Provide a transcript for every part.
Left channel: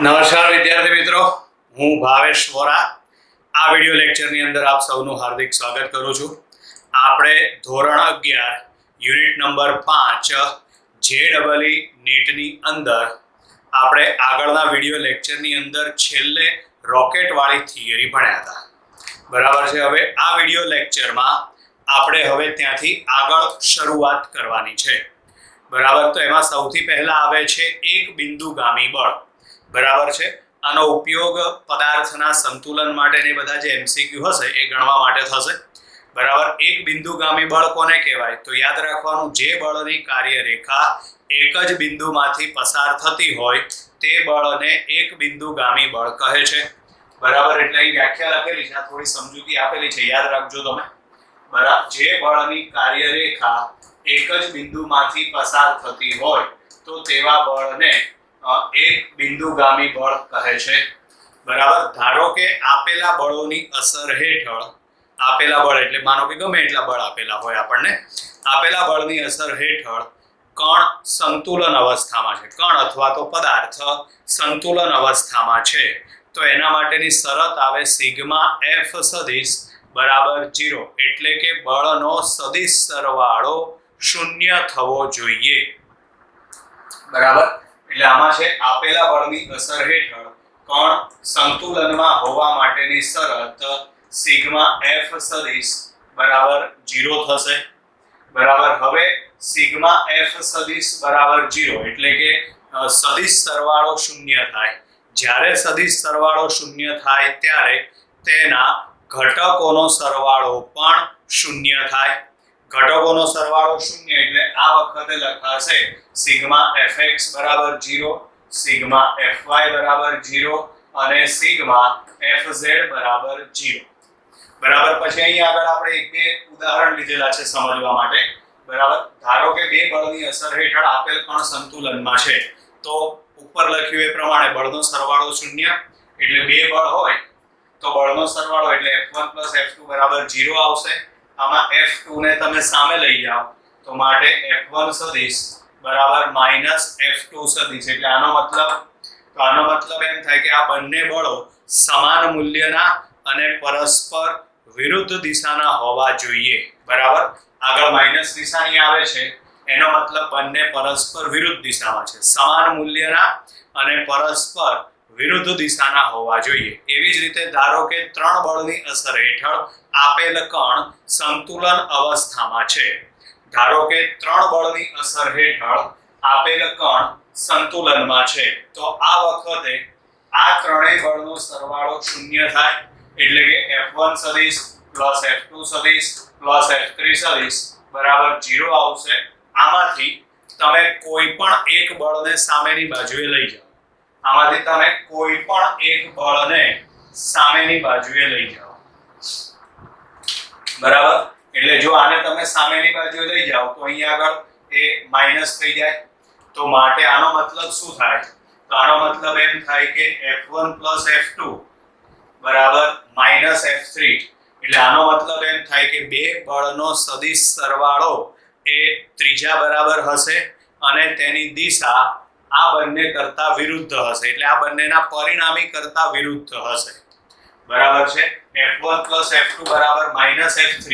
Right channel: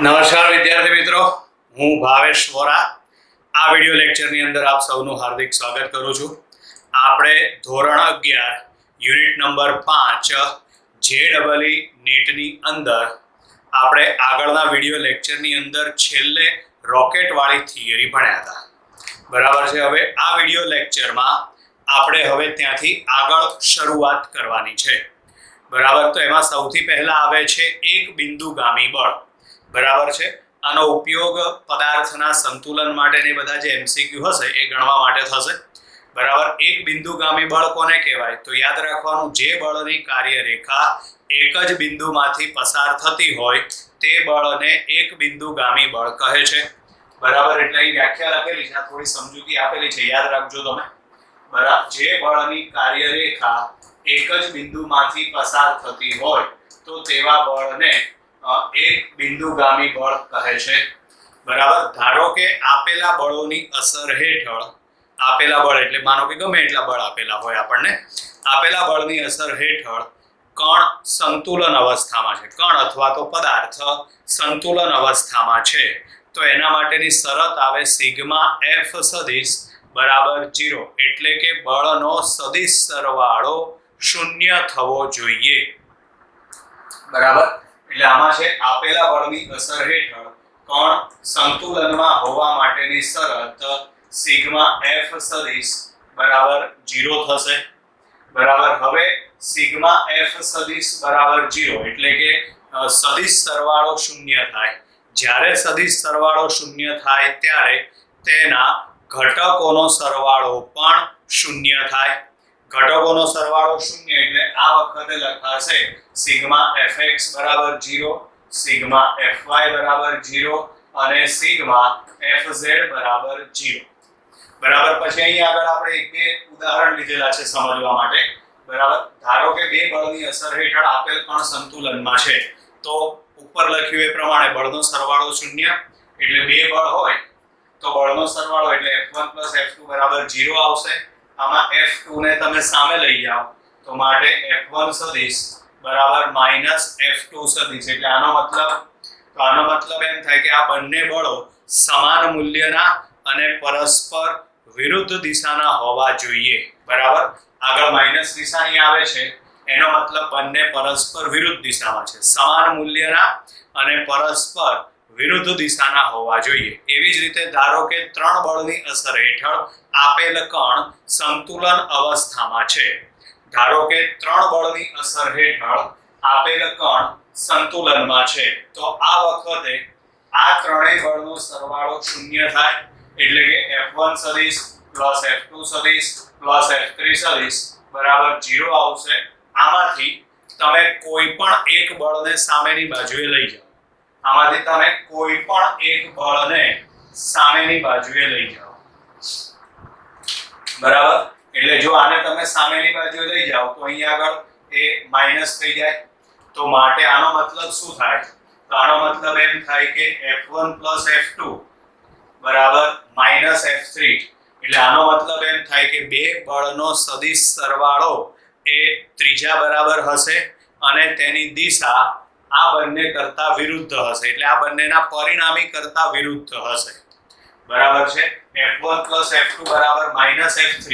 નમસ્કાર વિદ્યાર્થી મિત્રો, હું ભાવેશ વોરા આ વિડિયો લેક્ચરની અંદર આપ સૌનું હાર્દિક સ્વાગત કરું છું. આપણે ધોરણ 11 યુનિટ નંબર 5 JEE નીટની અંદર આપણે આગળના વિડિયો લેક્ચરની અંદર છેલ્લે રોકેટ વાળી થિયરી ભણ્યા હતા. બરાબર છે. હવે આ વિડિયો લેક્ચરમાં આપણે હવે ત્યાંથી આગળ શરૂઆત કરવાની છે. બરાબર. તો એમાં સૌથી પહેલા આવે છે એક બિંદુગામી બળ. બરાબર છે. આનો ઉપયોગ પદાર્થના સંતુલન માટેની બધા જે MCQ હશે એ ગણવા માટે થશે. બરાબર. એક બિંદુગામી બળ કોને કહેવાય? તો યાદ રાખવાનું, જે બળની કાર્યરેખા એક જ બિંદુમાંથી પસાર થતી હોય તે બળને એક બિંદુગામી બળ કહે છે. બરાબર. એટલે અહીં વ્યાખ્યા લખેલી છે, આ થોડી સમજૂતી આપેલી છે, યાદ રાખજો તમે. બરાબર. જે બળની કાર્યરેખા એક જ બિંદુમાંથી પસાર થતી હોય તો તેવા બળને એક બિંદુગામી બળ કહે છે. બરાબર. ધારો કે આપેલા બળોની અસર હેઠળ, આપેલા બળ એટલે માનો કે ગમે એટલા બળ આપેલા હોય આપણને, આપેલા બળની અસર હેઠળ કણ સંતુલન અવસ્થામાં છે, કણ અથવા તો પદાર્થ સંતુલન અવસ્થામાં છે, તો એના માટેની શરત આવે સિગ્મા F સદિશ બરાબર 0, એટલે કે બળનો સદિશ સરવાળો 0 થવો જોઈએ. બરાબર. એટલે આમાં છે આપેલા બળની અસર હેઠળ કણ સંતુલનમાં હોવા માટેની શરત સિગ્મા F સદિશ બરાબર 0 થશે. બરાબર. હવે સિગ્મા F સદિશ બરાબર 0 એટલે કે સદિશ સરવાળો 0 થાય. જ્યારે સદિશ સરવાળો 0 થાય ત્યારે તેના ઘટકોનો સરવાળો પણ 0 થાય. ઘટકોનો સરવાળો 0 એટલે આ વખતે લખાશે સિગ્મા Fx બરાબર 0, સિગ્મા Fy બરાબર 0 અને સિગ્મા Fz બરાબર 0. બરાબર. પછી અહીં આગળ આપણે એક બે ઉદાહરણ લીધેલા છે સમજવા માટે. બરાબર. ધારો કે બે બળની અસર હેઠળ આપેલ કણ સંતુલનમાં છે, તો ઉપર લખ્યું એ પ્રમાણે બળનો સરવાળો 0 એટલે બે બળ હોય તો બળનો સરવાળો એટલે F1 F2 બરાબર 0 આવશે. આમાં F2 ને તમે સામે લઈ જાઓ તો માટે F1 સદિશ બરાબર -F2 સદિશ, એટલે આનો મતલબ એમ થાય કે આ બંને બળો સમાન મૂલ્યના અને પરસ્પર વિરુદ્ધ દિશાના હોવા જોઈએ. બરાબર. આગળ માઈનસ નિશાની આવે છે એનો મતલબ બંને પરસ્પર વિરુદ્ધ દિશામાં છે, સમાન મૂલ્યના અને પરસ્પર વિરુદ્ધ દિશાના હોવા જોઈએ. એવી જ રીતે ધારો કે ત્રણ બળની અસર હેઠળ આપેલ કણ સંતુલન અવસ્થામાં છે. ધારો કે ત્રણ બળની અસર હેઠળ આપેલ કણ સંતુલનમાં છે, તો આ વખતે આ ત્રણેય બળનો સરવાળો 0 થાય, એટલે કે F1 સદિશ F2 સદિશ F3 સદિશ બરાબર 0 આવશે. આમાંથી તમે કોઈ પણ એક બળને સામેની બાજુએ લઈ જાઓ. આમાંથી તમે કોઈ પણ એક બળને સામેની બાજુએ લઈ જાઓ. બરાબર. એટલે જો આને તમે સામેની બાજુએ લઈ જાઓ તો અહીં આગળ એ માઈનસ થઈ જાય, તો માટે આનો મતલબ શું થાય? તો આનો મતલબ એમ થાય કે F1 F2 બરાબર -F3, એટલે આનો મતલબ એમ થાય કે બે બળનો સદિશ સરવાળો એ ત્રીજા બરાબર હશે અને તેની દિશા આ બંને કરતા વિરુદ્ધ હશે, એટલે આ બંનેના પરિણામી કરતા વિરુદ્ધ હશે. બરાબર છે. F1 F2 બરાબર -F3,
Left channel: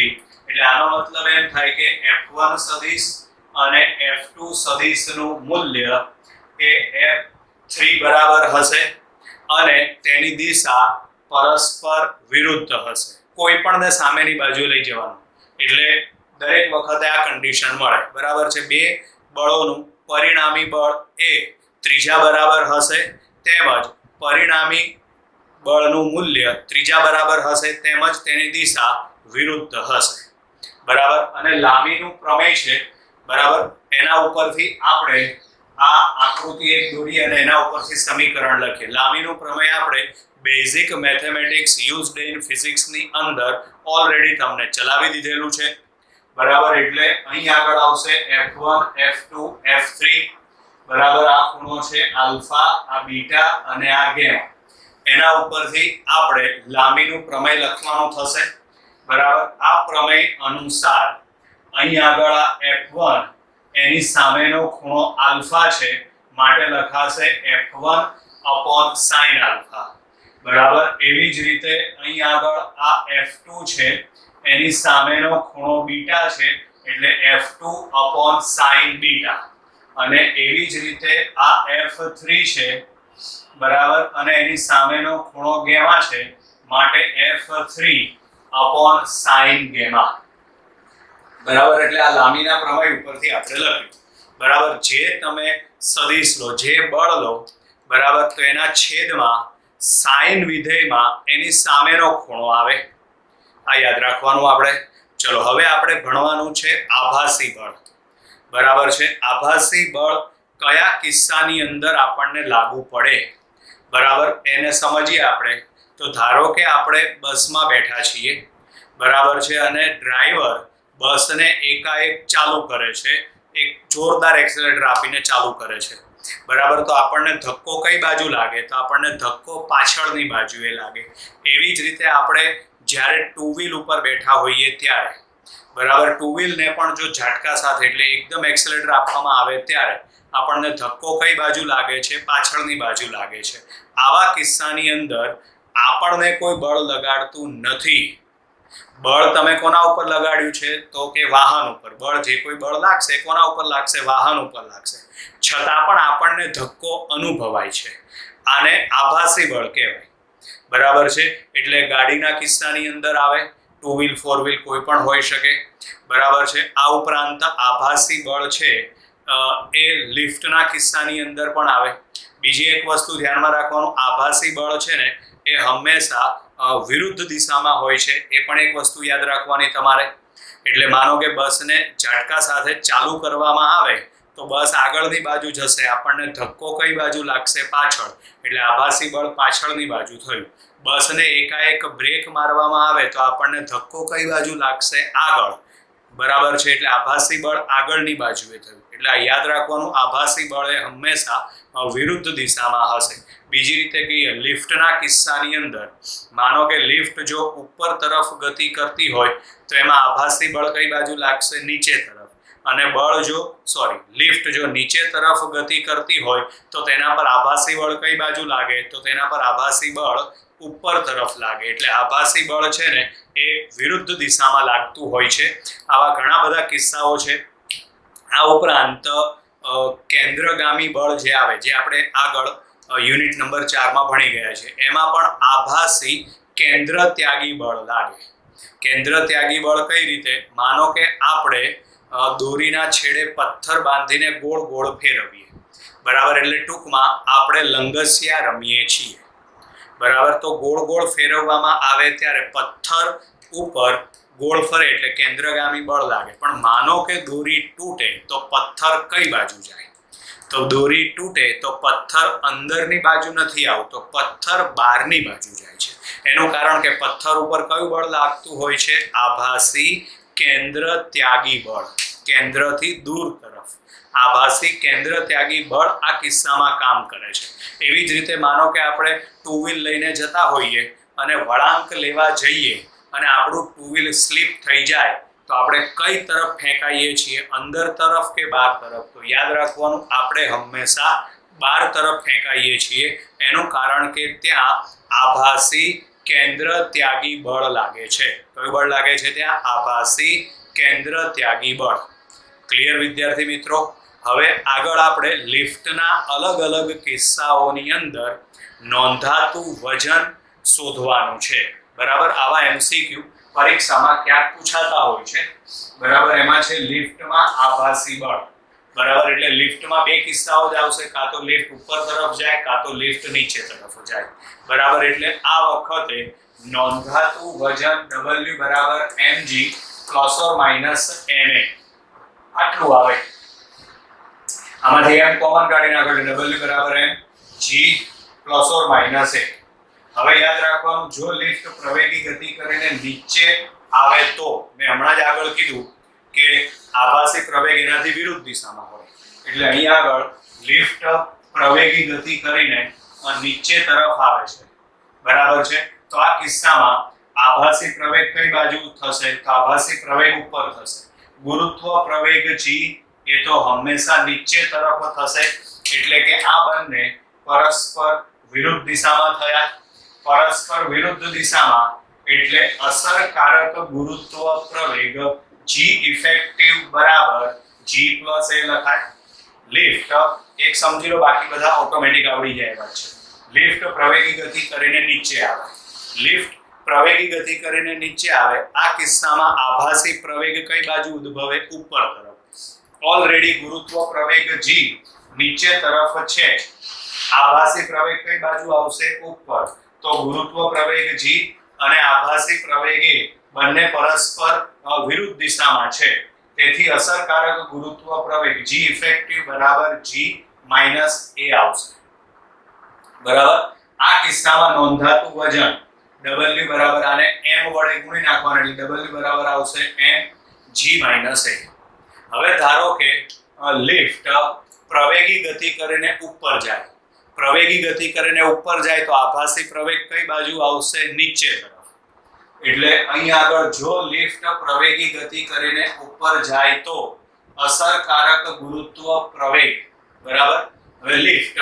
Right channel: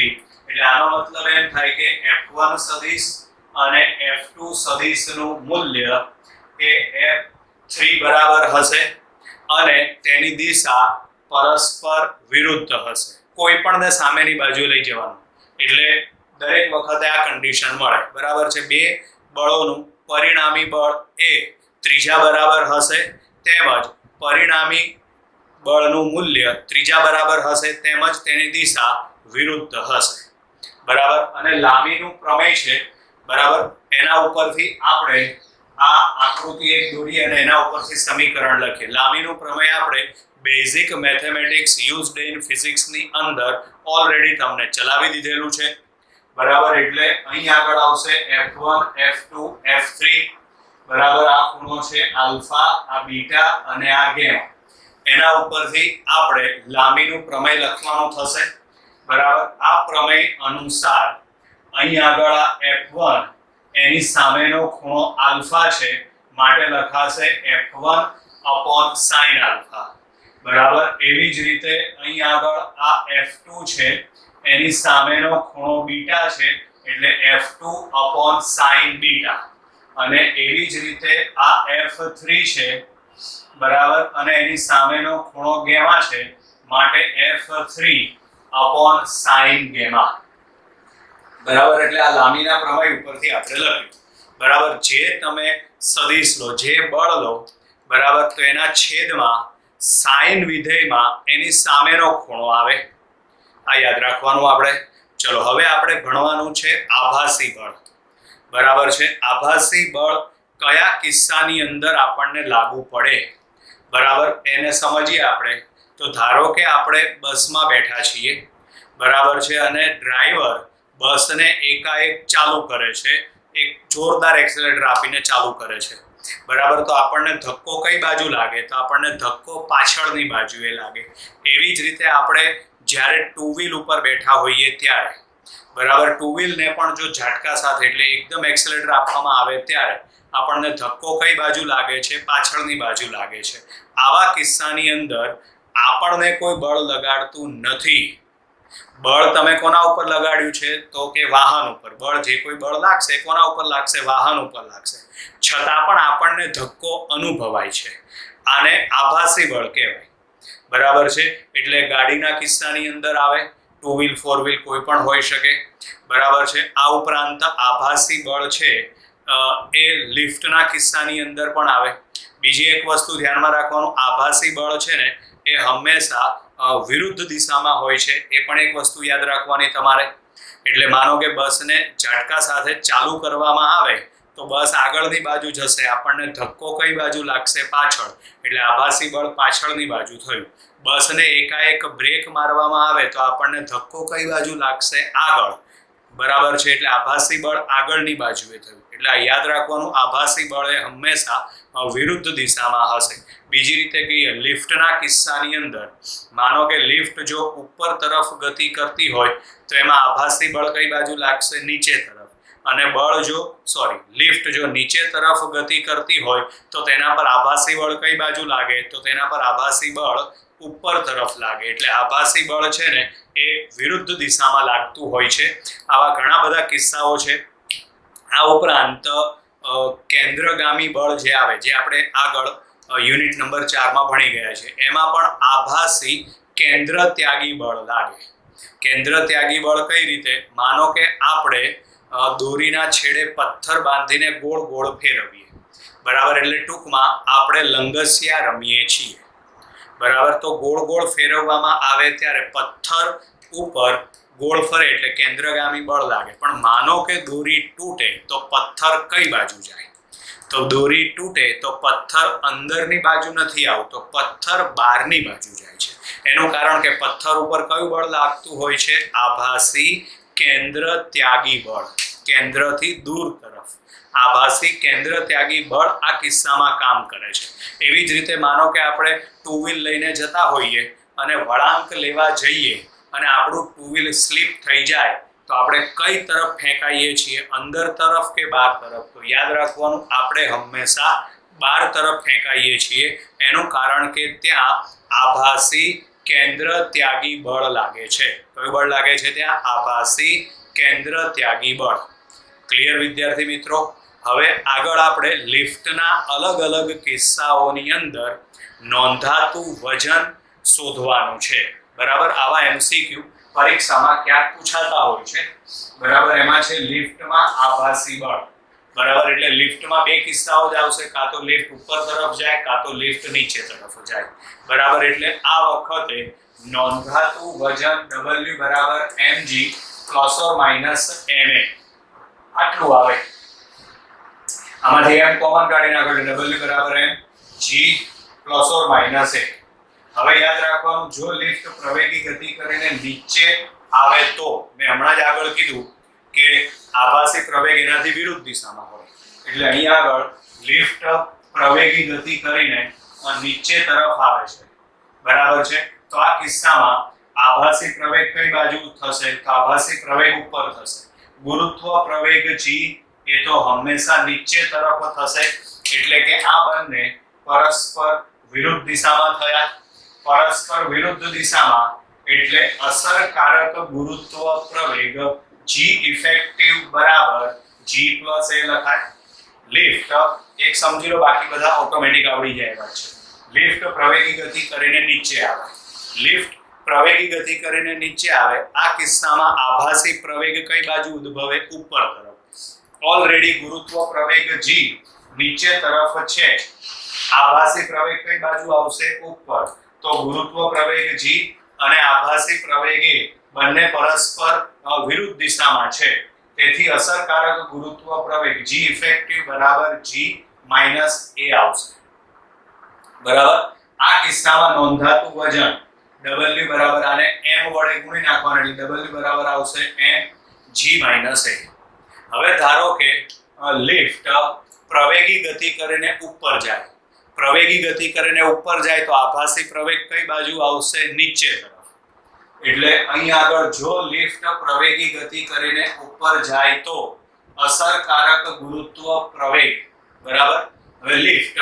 એટલે આનો મતલબ એમ થાય કે F1 સદિશ અને F2 સદિશનું મૂલ્ય એ F3 બરાબર હશે અને તેની દિશા પરસ્પર વિરુદ્ધ હશે. કોઈ પણને સામેની બાજુ લઈ જવાનું એટલે દરેક વખતે આ કન્ડિશન મળે. બરાબર છે. બે બળોનું પરિણામી બળ એ ત્રીજા બરાબર હશે, તેમજ પરિણામી બળનું મૂલ્ય ત્રીજા બરાબર હશે, તેમજ તેની દિશા વિરુદ્ધ હશે. બરાબર. અને લામીનું પ્રમેય છે. બરાબર. એના ઉપરથી આપણે આ આકૃતિ એક દોરી અને એના ઉપરથી સમીકરણ લખીએ. લામીનું પ્રમેય આપણે basic mathematics used in physics ની અંદર ઓલરેડી તમને ચલાવી દીધેલું છે. બરાબર. એટલે અહીં આગળ આવશે F1 F2 F3. બરાબર. આ ખૂણો છે આલ્ફા, આ બીટા અને આ ગેમા. એના ઉપરથી આપણે લામીનું પ્રમેય લખવાનું થશે. બરાબર. આ પ્રમેય અનુસાર અહીં આગળ આ F1 એની સામેનો ખૂણો આલ્ફા છે, માટે લખાશે F1 अपॉन sin આલ્ફા બરાબર. એવી જ રીતે અહીં આગળ આ F2 છે એની સામેનો ખૂણો બીટા છે એટલે F2 upon sin બીટા, અને એવી જ રીતે આ F3 છે બરાબર, અને એની સામેનો ખૂણો ગેમા છે માટે F3 upon sin ગેમા બરાબર. એટલે આ લાંબીના પ્રમેય ઉપરથી આપણે લખ્યું બરાબર. જે તમે સદિશ લો, જે બળ લો બરાબર, તો એના છેદમાં sin વિધેયમાં એની સામેનો ખૂણો આવે, આ યાદ રાખવાનું આપણે. ચલો હવે આપણે ભણવાનું છે આભાસી બળ બરાબર છે. આભાસી બળ કયા કિસ્સાની અંદર આપણને લાગુ પડે બરાબર, એને સમજીએ આપણે. તો ધારો કે આપણે બસમાં બેઠા છીએ બરાબર છે, અને ડ્રાઈવર બસને એકાએક ચાલુ કરે છે, એક જોરદાર એક્સેલેરેટર આપીને ચાલુ કરે છે બરાબર. તો આપણને ધક્કો કઈ બાજુ લાગે? તો આપણને ધક્કો પાછળની બાજુએ લાગે. એવી જ રીતે આપણે જ્યારે ટુ વ્હીલ ઉપર બેઠા હોઈએ ત્યારે બરાબર, ટુ વ્હીલને પણ જો ઝાટકા સાથે એટલે એકદમ એક્સેલેરેટર આપવામાં આવે ત્યારે આપણને ધક્કો કઈ બાજુ લાગે છે? પાછળની બાજુ લાગે છે. આવા કિસ્સાની અંદર આપણને કોઈ બળ લગાડતું નથી. બળ તમે કોના ઉપર લગાડ્યું છે? તો કે વાહન ઉપર. બળ જે કોઈ બળ લાગશે કોના ઉપર લાગશે? વાહન ઉપર લાગશે. છતાં પણ આપણને ધક્કો અનુભવાય છે. આને આભાસી બળ કહેવાય બરાબર છે. એટલે ગાડીના કિસ્સાની અંદર આવે, ટુ વ્હીલ ફોર વ્હીલ કોઈ પણ હોઈ શકે બરાબર છે. આ ઉપરાંત આભાસી બળ છે એ લિફ્ટના કિસ્સાની અંદર પણ આવે. બીજી એક વસ્તુ ધ્યાનમાં રાખવાનું, આભાસી બળ છે ને એ હંમેશા વિરુદ્ધ દિશામાં હોય છે, એ પણ એક વસ્તુ યાદ રાખવાની તમારે. એટલે માનો કે બસને ઝાટકા સાથે ચાલુ કરવામાં આવે તો બસ આગળની બાજુ જશે, આપણને ધક્કો કઈ બાજુ લાગશે? પાછળ, એટલે આભાસી બળ પાછળની બાજુ થયું. બસને એકાએક બ્રેક મારવામાં આવે તો આપણને ધક્કો કઈ બાજુ લાગશે? આગળ બરાબર છે. એટલે આભાસી બળ આગળની બાજુએ થયું. એટલે આ યાદ રાખવાનું, આભાસી બળ એ હંમેશા વિરુદ્ધ દિશામાં હશે. બીજી રીતે કહીએ, લિફ્ટના કિસ્સાની અંદર માનો કે લિફ્ટ જો ઉપર તરફ ગતિ કરતી હોય તો એમાં આભાસી બળ કઈ બાજુ લાગશે? નીચે તરફ. અને લિફ્ટ જો નીચે તરફ ગતિ કરતી હોય તો તેના પર આભાસી બળ કઈ બાજુ લાગે? તો તેના પર આભાસી બળ ઉપર તરફ લાગે. એટલે આભાસી બળ છે ને એ વિરુદ્ધ દિશામાં લાગતું હોય છે. આવા ઘણા બધા કિસ્સાઓ છે. આ ઉપરાંત કેન્દ્રગામી બળ જે આવે, જે આપણે આગળ યુનિટ નંબર 4 ભણી ગયા છે, એમાં પણ આભાસી કેન્દ્ર ત્યાગી બળ લાગે. કેન્દ્ર ત્યાગી બળ કઈ રીતે? માનો કે આપણે દોરીના છેડે પથ્થર બાંધીને ગોળ ગોળ ફેરવીએ બરાબર, એટલે ટૂંકમાં આપણે લંગસિયા રમીએ છીએ બરાબર. તો ગોળ ગોળ ફેરવવામાં આવે ત્યારે પથ્થર ઉપર ગોળ ફરે એટલે કેન્દ્રગામી બળ લાગે. પણ માનો કે દોરી તૂટે તો પથ્થર કઈ બાજુ જાય? તો દોરી તૂટે તો પથ્થર અંદરની બાજુ નથી આવતો, પથ્થર બહારની બાજુ જાય છે. એનું કારણ કે પથ્થર ઉપર કયું બળ લાગતું હોય છે? આભાસી કેન્દ્ર ત્યાગી બળ, કેન્દ્રથી દૂર તરફ. આભાસી કેન્દ્ર ત્યાગી બળ આ કિસ્સામાં કામ કરે છે. એવી જ રીતે માનો કે આપણે ટુ વ્હીલ લઈને જતા હોઈએ અને વળાંક લેવા જઈએ અને આપણું ટુ વ્હીલ સ્લીપ થઈ જાય તો આપણે કઈ તરફ ફેંકાઈએ છીએ? અંદર તરફ કે બહાર તરફ? તો યાદ રાખવાનું, આપણે હંમેશા બહાર તરફ ફેંકાઈએ છીએ. એનું કારણ કે ત્યાં આભાસી કેન્દ્ર ત્યાગી બળ લાગે છે. કયું બળ લાગે છે ત્યાં? આભાસી કેન્દ્ર ત્યાગી બળ. ક્લિયર વિદ્યાર્થી મિત્રો? હવે આગળ આપણે લિફ્ટના અલગ અલગ કિસ્સાઓની અંદર નોંધાતું વજન શોધવાનું છે બરાબર. આવા MCQ પરીક્ષામાં ક્યાંક પૂછાતા હોય છે બરાબર. એમાં છે લિફ્ટમાં આભાસી બળ બરાબર. એટલે લિફ્ટમાં બે કિસ્સાઓ જ આવશે, કાં તો લિફ્ટ ઉપર તરફ જાય કાં તો લિફ્ટ નીચે તરફ જાય બરાબર. એટલે આ વખતે નોંધાતું વજન W બરાબર mg plus or minus ma આટલું આવે. આમાંથી m કોમન કાઢી નાખો એટલે W બરાબર mg plus or minus a. હવે યાદ રાખવાનું, જો લિફ્ટ પ્રવેગી ગતિ કરીને નીચે આવે તો મેં હમણાં જ આગળ કીધું કે આભાસી પ્રવેગ એનાથી વિરુદ્ધ દિશામાં હોય. એટલે અહીં આગળ લિફ્ટ પ્રવેગી ગતિ કરીને નીચે તરફ આવે છે બરાબર છે. તો આ કિસ્સામાં આભાસી પ્રવેગ કઈ બાજુ થશે? તો આભાસી પ્રવેગ ઉપર થશે. ગુરુત્વ પ્રવેગ g એ તો હંમેશા નીચે તરફ થશે. એટલે કે આ બંને પરસ્પર વિરુદ્ધ દિશામાં થયા. પરસ્પર વિરુદ્ધ દિશામાં એટલે અસરકારક ગુરુત્વ પ્રવેગ g ઇફેક્ટિવ બરાબર g + a લખાય. લિફ્ટ એક સમજી લો, બાકી બધા ઓટોમેટિક આવડી જાય એવા છે. લિફ્ટ પ્રવેગી ગતિ કરીને નીચે આવે. લિફ્ટ પ્રવેગી ગતિ કરીને નીચે આવે. આ કિસ્સામાં આભાસી પ્રવેગ કઈ બાજુ ઉદ્ભવે? ઉપર તરફ. ઓલરેડી ગુરુત્વ પ્રવેગ g નીચે તરફ છે. આભાસી પ્રવેગ કઈ બાજુ આવશે? ઉપર. તો ગુરુત્વ પ્રવેગ g અને આભાસી પ્રવેગ a બંને પરસ્પર વિરુદ્ધ દિશામાં છે. તેથી અસરકારક ગુરુત્વ પ્રવેગ g ઇફેક્ટિવ બરાબર g - a આવશે. બરાબર. આ કિસ્સામાં નોંધાતું વજન w બરાબર આને m વડે ગુણી નાખવાનું એટલે w બરાબર આવશે mg - a. હવે ધારો કે લિફ્ટ પ્રવેગી ગતિ કરીને ઉપર જાય. પ્રવેગી ગતિ કરીને ઉપર જાય તો આભાસી પ્રવેગ કઈ બાજુ આવશે? નીચે તરફ. એટલે અહીં આગળ જો લિફ્ટ પ્રવેગી ગતિ કરીને ઉપર જાય તો અસરકારક ગુરુત્વ પ્રવેગ બરાબર. હવે લિફ્ટ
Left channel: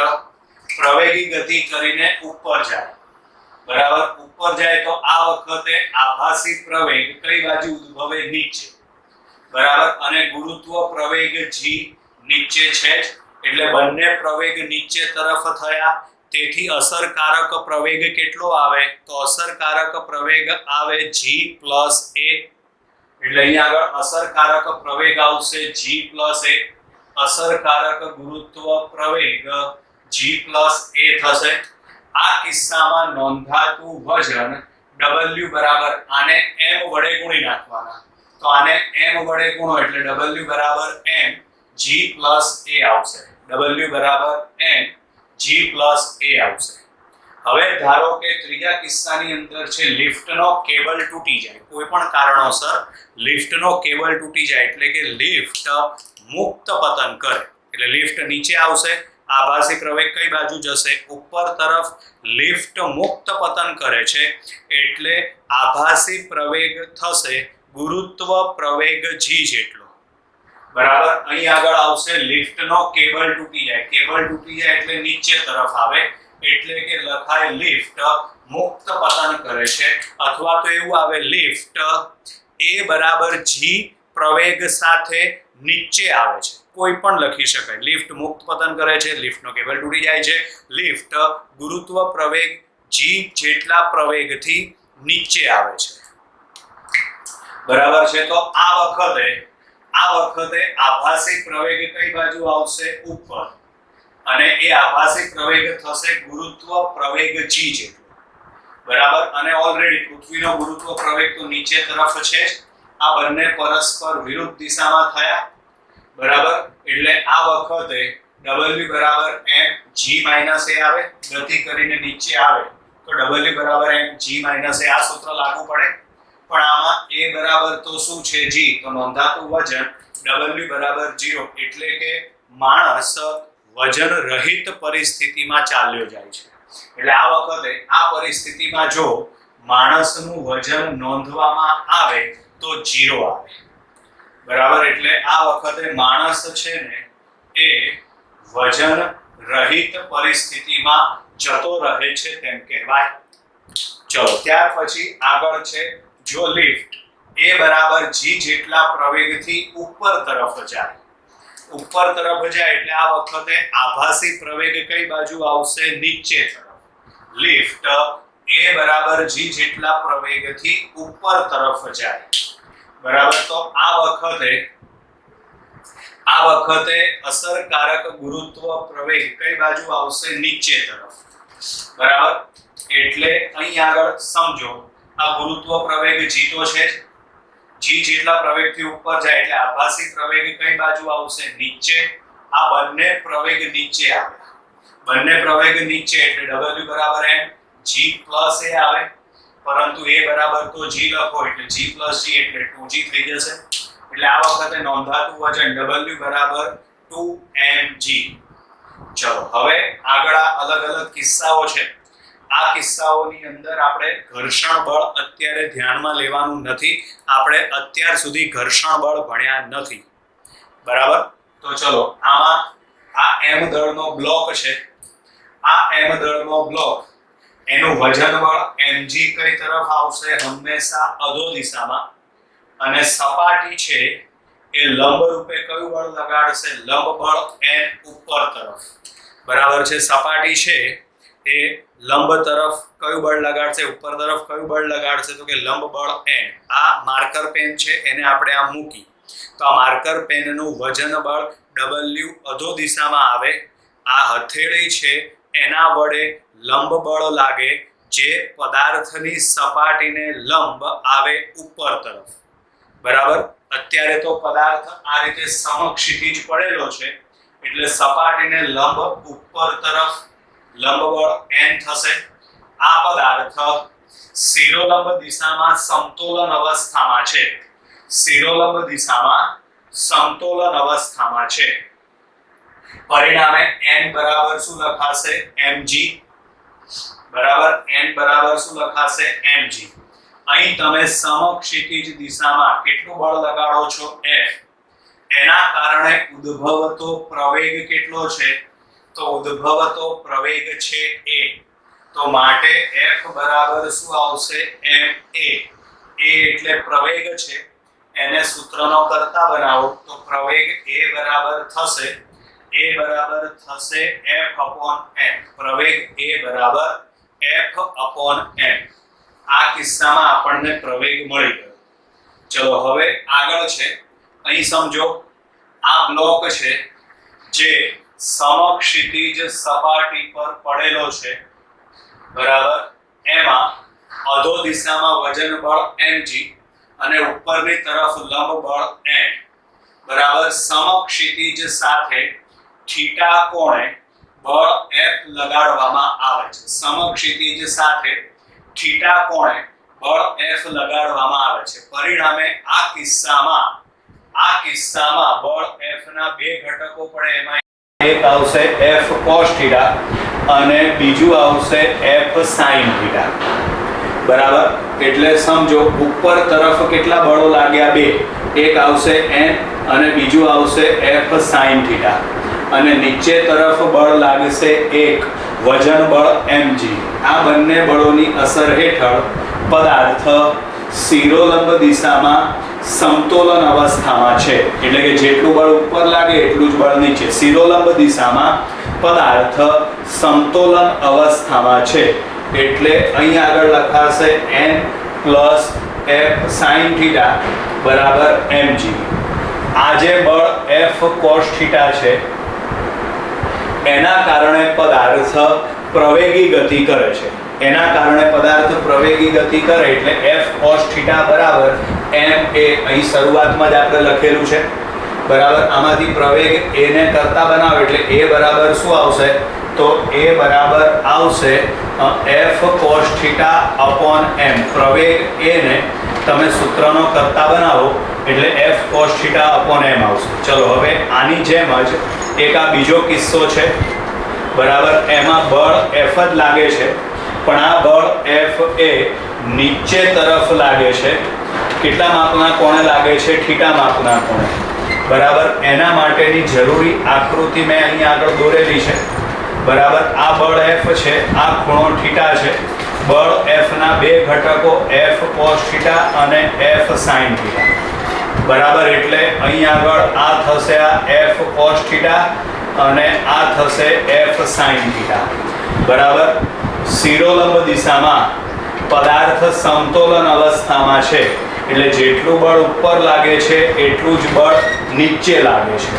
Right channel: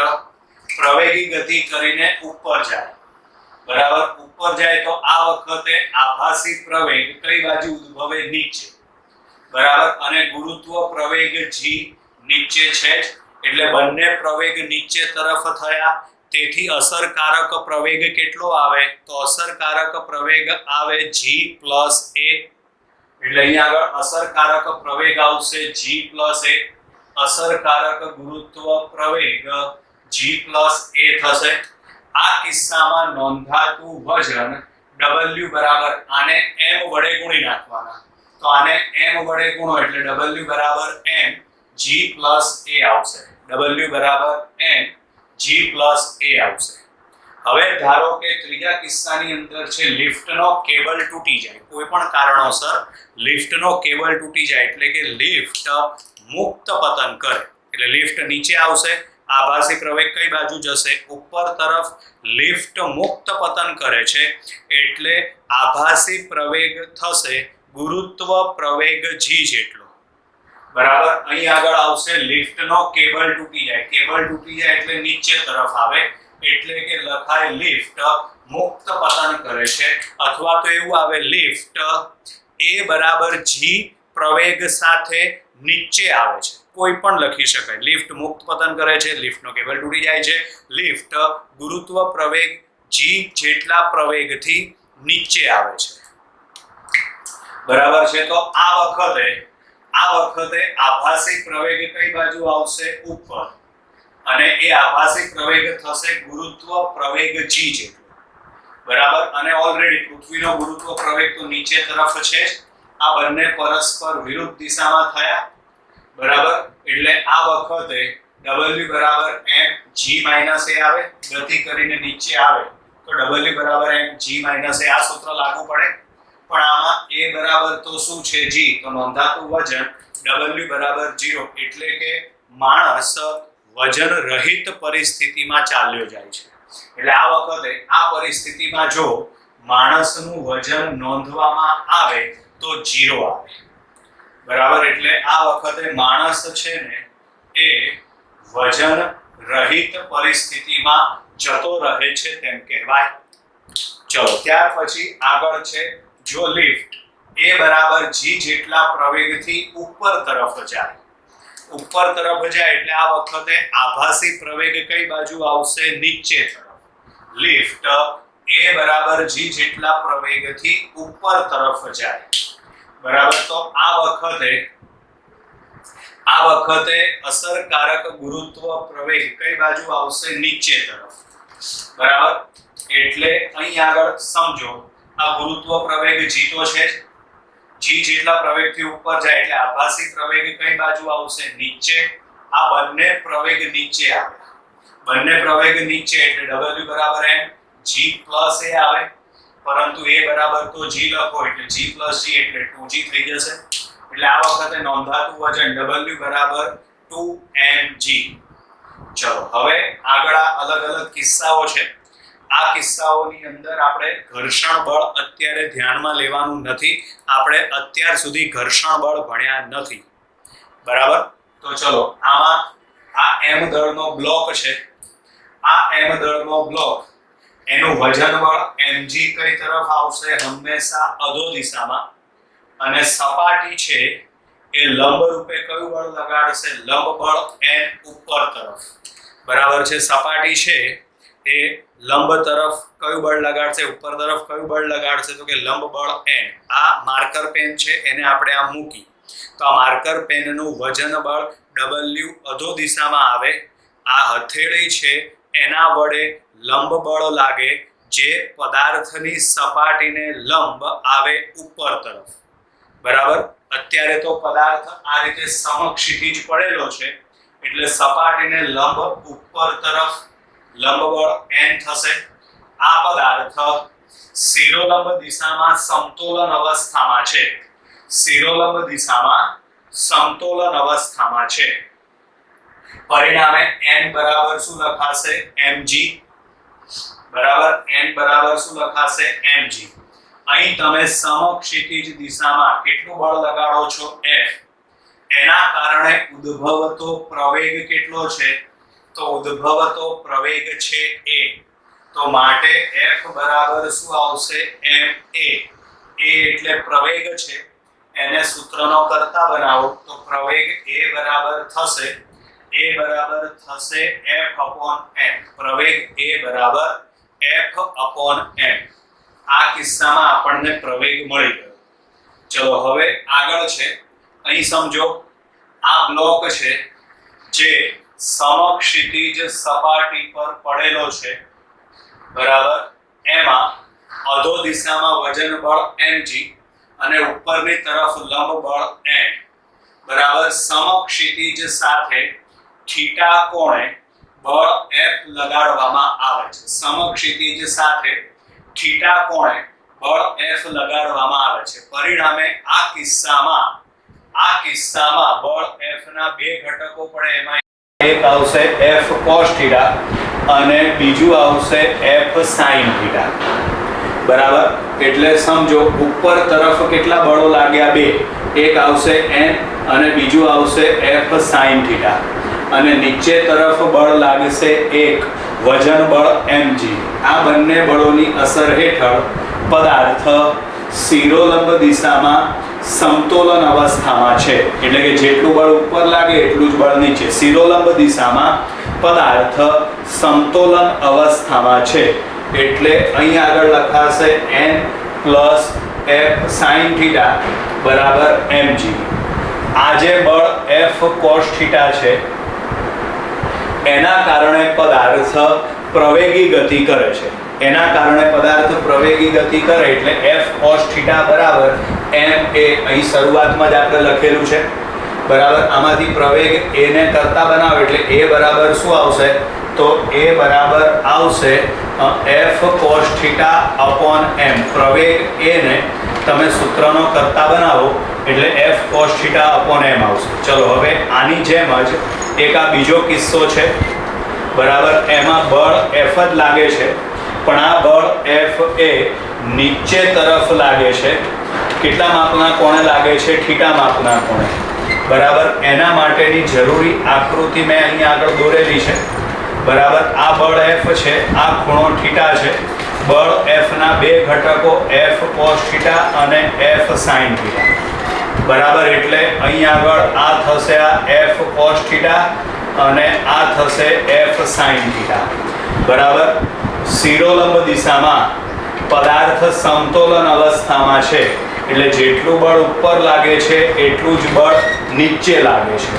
પ્રવેગી ગતિ કરીને ઉપર જાય બરાબર. ઉપર જાય તો આ વખતે આભાસી પ્રવેગ કઈ બાજુ ઉદ્ભવે? નીચે બરાબર. અને ગુરુત્વ પ્રવેગ g નીચે છે એટલે બંને પ્રવેગ નીચે તરફ થયા. તેથી અસરકારક પ્રવેગ કેટલો આવે? તો અસરકારક પ્રવેગ આવે g + a. એટલે અહીંયા આગળ અસરકારક પ્રવેગ આવશે g + a. અસરકારક ગુરુત્વ પ્રવેગ g + a થશે. આ કિસ્સામાં નોંધાતું વજન w બરાબર આને m વડે ગુણી નાખવાના. તો આને m વડે ગુણો એટલે w બરાબર mg + a આવશે. w બરાબર mg + a આવશે. હવે ધારો કે ત્રીજા કિસ્સાની અંદર છે લિફ્ટનો કેબલ તૂટી જાય. કોઈ પણ કારણોસર લિફ્ટનો કેબલ તૂટી જાય એટલે કે લિફ્ટ મુક્ત પતન કરે. એટલે લિફ્ટ નીચે આવશે. આભાસી પ્રવેગ કઈ બાજુ જશે? ઉપર તરફ. લિફ્ટ મુક્ત પતન કરે છે એટલે આભાસી પ્રવેગ થશે ગુરુત્વ પ્રવેગ g જેટલો. બરાબર. અહીં આગળ આવશે લિફ્ટનો કેબલ તૂટી જાય. કેબલ તૂટી જાય એટલે નીચે તરફ આવે એટલે કે લખાય લિફ્ટ મુક્ત પતન કરે છે. અથવા તો એવું આવે લિફ્ટ a બરાબર g પ્રવેગ સાથે નીચે આવે છે. કોઈ પણ લખી શકાય. લિફ્ટ મુક્ત પતન કરે છે, લિફ્ટનો કેબલ તૂટી જાય છે, લિફ્ટ ગુરુત્વ પ્રવેગ g જેટલા પ્રવેગથી નીચે આવે છે. બરાબર છે. તો આ વખતે આભાસી પ્રવેગ કઈ બાજુ આવશે? ઉપર. અને એ આભાસી પ્રવેગ થશે ગુરુત્વ પ્રવેગ g જેટલો. બરાબર. અને ઓલરેડી પૃથ્વીનો ગુરુત્વ પ્રવેગ તો નીચે તરફ છે. આ બંને પરસ્પર વિરુદ્ધ દિશામાં થયા. બરાબર. એટલે આ વખતે w બરાબર mg - a આવે. ગતિ કરીને નીચે આવે તો w બરાબર mg - a આ સૂત્ર લાગુ પડે. પણ આમાં a બરાબર તો શું છે? g. તો નોંધાતું વજન w બરાબર 0 એટલે કે માણસ વજન રહિત પરિસ્થિતિમાં ચાલ્યો જાય છે. એટલે આ વખતે આ પરિસ્થિતિમાં જો માણસનું વજન નોંધવામાં આવે તો 0 આવે. બરાબર. એટલે આ વખતે માણસ છે ને એ વજન રહિત પરિસ્થિતિમાં જતો રહે છે તેમ કહેવાય. ચલો ત્યાર પછી આગળ છે જો લિફ્ટ a બરાબર g જેટલા પ્રવેગથી ઉપર તરફ જાય. ઉપર તરફ જાય એટલે આ વખતે આભાસી પ્રવેગ કઈ બાજુ આવશે? નીચે તરફ. લિફ્ટ a બરાબર g જેટલા પ્રવેગથી ઉપર તરફ જાય. બરાબર. તો આ વખતે અસરકારક ગુરુત્વ પ્રવેગ કઈ બાજુ આવશે? નીચે તરફ. બરાબર. એટલે અહીં આગળ સમજો આ ગુરુત્વ પ્રવેગ g તો છે. g જેટલા પ્રવેગથી ઉપર જાય એટલે આભાસી પ્રવેગ કઈ બાજુ આવશે? નીચે. આ બંને પ્રવેગ નીચે આવે. બંને પ્રવેગ નીચે એટલે w બરાબર mg + a આવે. પરંતુ a બરાબર તો g લખો એટલે g + g એટલે 2g થઈ જશે. એટલે આ વખતે નોંધાતું વજન w બરાબર 2mg. ચલો હવે આગળ અલગ અલગ કિસ્સાઓ છે. આ કિસ્સાઓની અંદર આપણે ઘર્ષણ બળ અત્યારે ધ્યાનમાં લેવાનું નથી. આપણે અત્યાર સુધી ઘર્ષણ બળ ભણ્યા નથી. બરાબર. તો ચલો આમાં આ m દળનો બ્લોક છે. આ m દળનો બ્લોક એનું વજન બળ mg કઈ તરફ આવશે? હંમેશા અધો દિશામાં. અને સપાટી છે એ લંબ રૂપે કયું બળ લગાડશે? લંબ બળ n ઉપર તરફ. બરાબર છે. સપાટી છે એ લંબ તરફ કયું બળ લગાડશે? ઉપર તરફ કયું બળ લગાડશે? તો કે લંબ બળ n. આ માર્કર પેન છે એને આપણે આમ મૂકી તો આ માર્કર પેનનું વજન બળ w અધો દિશામાં આવે. આ હથેળી છે એના વડે લંબ બળ લાગે જે પદાર્થની સપાટીને લંબ આવે ઉપર તરફ. બરાબર. અત્યારે તો પદાર્થ આ રીતે સમક્ષિતિજ પડેલો છે એટલે સપાટીને લંબ ઉપર તરફ લંબ બળ n થશે. આ પદાર્થ શિરોલંબ દિશામાં સમતોલન અવસ્થામાં છે. શિરોલંબ દિશામાં સમતોલન અવસ્થામાં છે. પરિણામે n બરાબર શું લખાશે? mg. બરાબર. n બરાબર શું લખાશે? mg. અહીં તમે સમક્ષિતિજ દિશામાં કેટલું બળ લગાડો છો? F. એના કારણે ઉદ્ભવતો પ્રવેગ કેટલો છે? તો ઉદ્ભવતો પ્રવેગ છે a. તો માટે F બરાબર શું આવશે? ma. a એટલે પ્રવેગ છે એને સૂત્રનો કરતા બનાવો તો પ્રવેગ a બરાબર થશે F upon m. પ્રવેગ a બરાબર F upon m. આ કિસ્સામાં આપણને પ્રવેગ મળી ગયો. ચલો હવે આગળ છે. અહીં સમજો આ બ્લોક છે જે સમક્ષિતિજ સપાટી પર પડેલો છે. બરાબર. એમાં અધો દિશામાં વજન બળ mg અને ઉપરની તરફ લંબ બળ n. બરાબર. સમક્ષિતિજ સાથે થીટા કોણે બળ F લગાડવામાં આવે છે. સમક્ષિતિજ સાથે થીટા કોણે બળ F લગાડવામાં આવે છે. પરિણામે આ કિસ્સામાં બળ F ના બે ઘટકો પડે. એમાં એક આવશે F cos θ અને બીજું આવશે F sin θ. બરાબર. એટલે સમજો ઉપર તરફ કેટલા બળો લાગ્યા? બે. એક આવશે n અને બીજું આવશે F sin θ. અને નીચે તરફ બળ લાગશે એક વજન બળ mg. આ બંને બળોની અસર હેઠળ પદાર્થ શિરોલંબ દિશામાં સમતોલન અવસ્થામાં છે. એટલે કે જેટલું બળ ઉપર લાગે એટલું જ બળ નીચે. શિરોલંબ દિશામાં પદાર્થ સમતોલન અવસ્થામાં છે એટલે અહીં આગળ લખાશે n plus F sin θ બરાબર mg. આ જે બળ F cos θ છે એના કારણે પદાર્થ પ્રવેગી ગતિ કરે છે. એના કારણે પદાર્થ પ્રવેગી ગતિ કરે એટલે F cos θ બરાબર m a. અહીં શરૂઆતમાં જ આપણે લખેલું છે. બરાબર. આમાંથી પ્રવેગ a ને કરતા બનાવો એટલે a બરાબર શું આવશે? તો a બરાબર આવશે F cos θ upon m. પ્રવેગ a ને તમે સૂત્રનો કરતા બનાવો એટલે F cos θ upon m આવશે. ચલો હવે આની જેમ જ એક આ બીજો કિસ્સો છે. બરાબર. એમાં બળ F જ લાગે છે પણ આ બળ F એ નીચે તરફ લાગે છે. કેટલા માપના કોણે લાગે છે? θ માપના કોણે. બરાબર. એના માટેની જરૂરી આકૃતિ મેં અહીં આગળ દોરેલી છે. બરાબર. આ બળ F છે, આ ખૂણો θ છે. બળ F ના બે ઘટકો F cos θ અને F sin θ. બરાબર. એટલે અહીં આગળ આ થશે આ F cos θ અને આ થશે F sin θ. બરાબર. શિરોલંબ દિશામાં પદાર્થ સમતોલન અવસ્થામાં છે એટલે જેટલું બળ ઉપર લાગે છે એટલું જ બળ નીચે લાગે છે.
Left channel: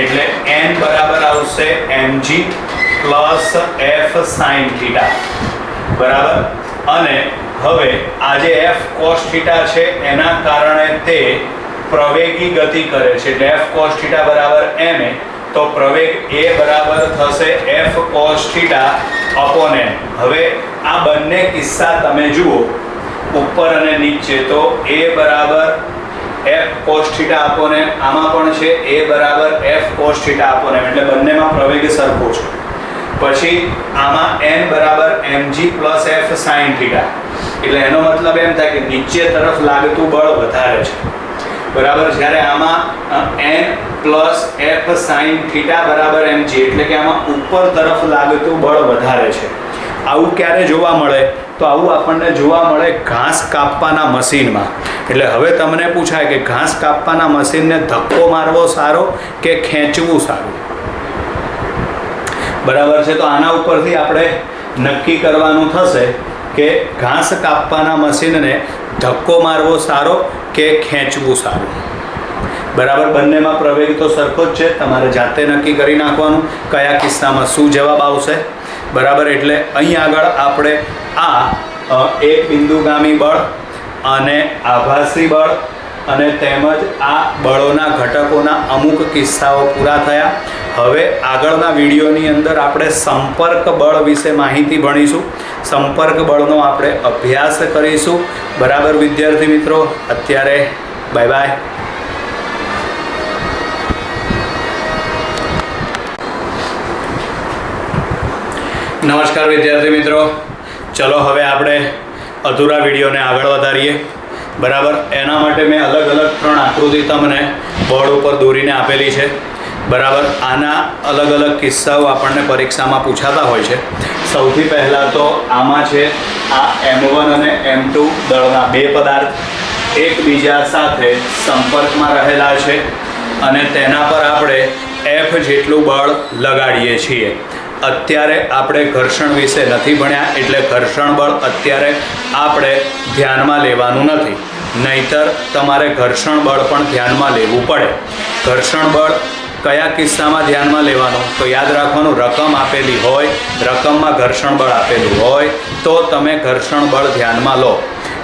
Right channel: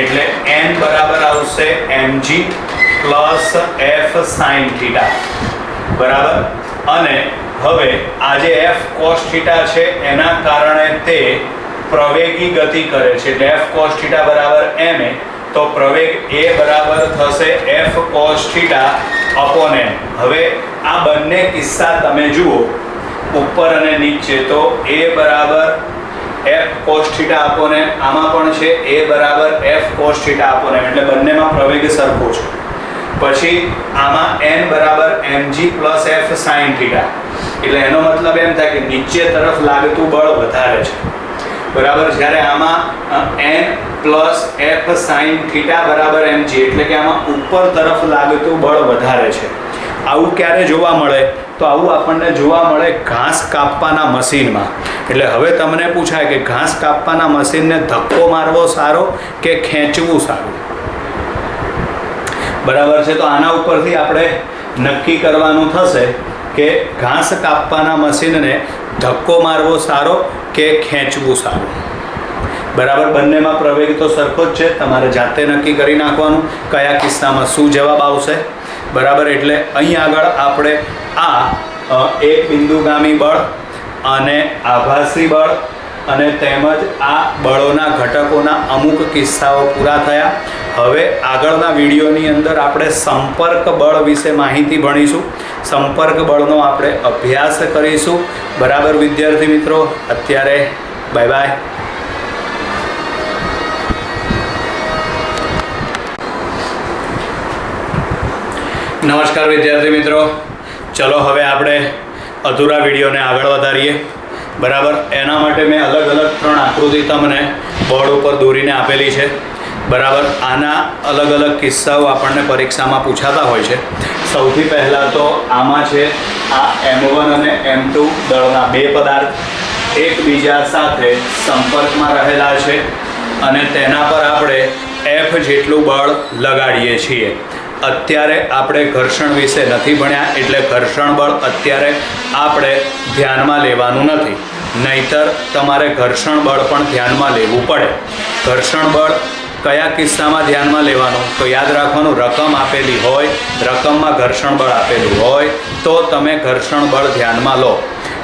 એટલે n બરાબર આવશે mg plus F sin θ. બરાબર. અને હવે આ જે F cos θ છે એના કારણે તે પ્રવેગી ગતિ કરે છે એટલે F cos θ બરાબર ma. તો પ્રવેગ a બરાબર થશે F cos θ upon m. હવે આ બંને કિસ્સા તમે જુઓ ઉપર અને નીચે તો a બરાબર F cos θ upon m. આમાં પણ છે a બરાબર F cos θ upon m. એટલે બંનેમાં પ્રવેગ સરખો છે. પછી આમાં n બરાબર mg plus F sin θ. એટલે એનો મતલબ એમ થાય કે નીચે તરફ લાગતું બળ વધારે છે. બરાબર. જ્યારે આમાં n plus F sine theta બરાબર mg, એટલે કે આમાં ઉપર તરફ લાગતું બળ વધારે છે. આવું ક્યારે જોવા મળે? તો આવું આપણને જોવા મળે ઘાસ કાપવાના મશીનમાં. એટલે હવે તમને પૂછાય કે ઘાસ કાપવાના મશીનને ધક્કો મારવો સારો કે ખેંચવું સારું? બરાબર છે. તો આના ઉપરથી આપણે નક્કી કરવાનું થશે કે ઘાસ કાપવાના મશીનને ધક્કો મારવો સારો કે ખેંચવું સારું. બરાબર, બંનેમાં પ્રવેગ તો સરખો જ છે, તમારે જાતે નક્કી કરી નાખવાનું કયા કિસ્સામાં શું જવાબ આવશે. બરાબર, એટલે અહીં આગળ આપણે આ એક બિંદુગામી બળ અને આભાસી બળ અને તેમજ આ બળોના ઘટકોના અમુક કિસ્સાઓ પૂરા થયા. હવે આગળના વિડીયોની અંદર આપણે સંપર્ક બળ વિશે માહિતી ભણીશું. સંપર્ક બળનો આપણે અભ્યાસ કરીશું. બરાબર વિદ્યાર્થી મિત્રો, અત્યારે બાય બાય. નમસ્કાર વિદ્યાર્થી મિત્રો, ચલો હવે આપણે અધૂરા વિડીયોને આગળ વધારીએ. બરાબર, એના માટે મેં અલગ અલગ 3 આકૃતિ તમને બોર્ડ ઉપર દોરીને આપેલી છે. બરાબર, આના અલગ અલગ કિસ્સાઓ આપણને પરીક્ષામાં પૂછાતા હોય છે. સૌથી પહેલાં તો આમાં છે આ M1 અને M2 દળના 2 પદાર્થ એકબીજા સાથે સંપર્કમાં રહેલા છે અને તેના પર આપણે F જેટલું બળ લગાડીએ છીએ. અત્યારે આપણે ઘર્ષણ વિશે નથી ભણ્યા, એટલે ઘર્ષણ બળ અત્યારે આપણે ધ્યાનમાં લેવાનું નથી, નહીતર તમારે ઘર્ષણ બળ પણ ધ્યાનમાં લેવું પડે. ઘર્ષણ બળ કયા કિસ્સામાં ધ્યાનમાં લેવાનું? તો યાદ રાખવાનું, રકમ આપેલી હોય, રકમમાં ઘર્ષણ બળ આપેલું હોય તો તમે ઘર્ષણ બળ ધ્યાનમાં લો,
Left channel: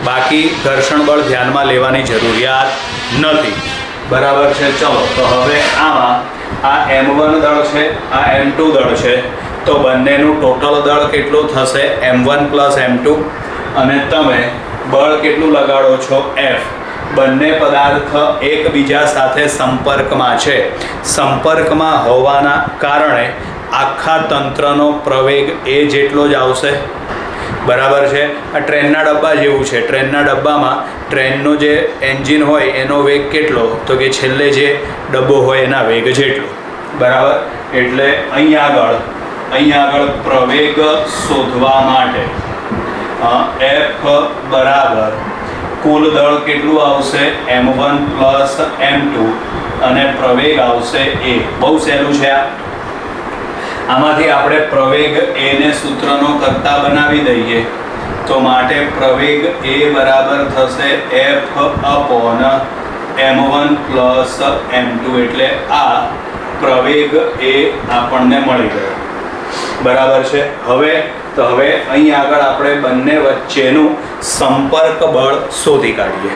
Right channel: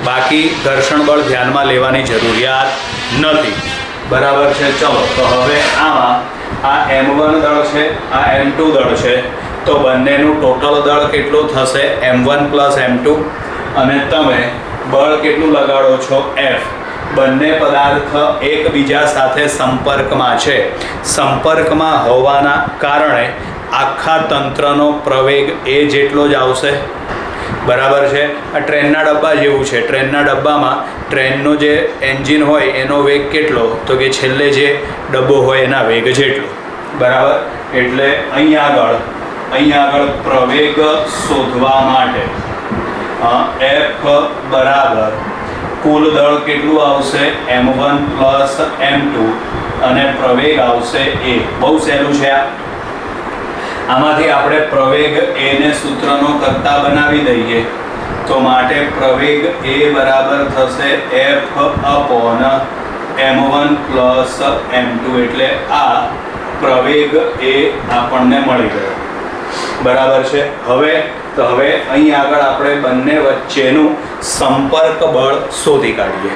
બાકી ઘર્ષણ બળ ધ્યાનમાં લેવાની જરૂરિયાત નથી. બરાબર છે. ચલો, તો હવે આમાં આ M1 દળ છે, આ M2 દળ છે, તો બંનેનું ટોટલ દળ કેટલું થશે? M1 plus M2. અને તમે બળ કેટલું લગાડો છો? F. બંને પદાર્થ એકબીજા સાથે સંપર્કમાં છે. સંપર્કમાં હોવાના કારણે આખા તંત્રનો પ્રવેગ એ જેટલો જ આવશે. બરાબર છે. આ ટ્રેનના ડબ્બા જેવું છે. ટ્રેનના ડબ્બામાં ટ્રેનનો જે એન્જિન હોય એનો વેગ કેટલો? તો કે છેલ્લે જે ડબ્બો હોય એના વેગ જેટલો. બરાબર, એટલે અહીં આગળ પ્રવેગ શોધવા માટે F બરાબર કુલ દળ કેટલું આવશે? M1 પ્લસ M2 અને પ્રવેગ આવશે A. બહુ સહેલું છે આ. આમાંથી આપણે પ્રવેગ A ને સૂત્રનો કર્તા બનાવી દઈએ તો માટે પ્રવેગ A બરાબર થશે F upon M1 plus M2, એટલે આ પ્રવેગ A આપણને મળી ગયો. બરાબર છે. હવે અહીં આગળ આપણે બંને વચ્ચેનું સંપર્ક બળ શોધી કાઢીએ.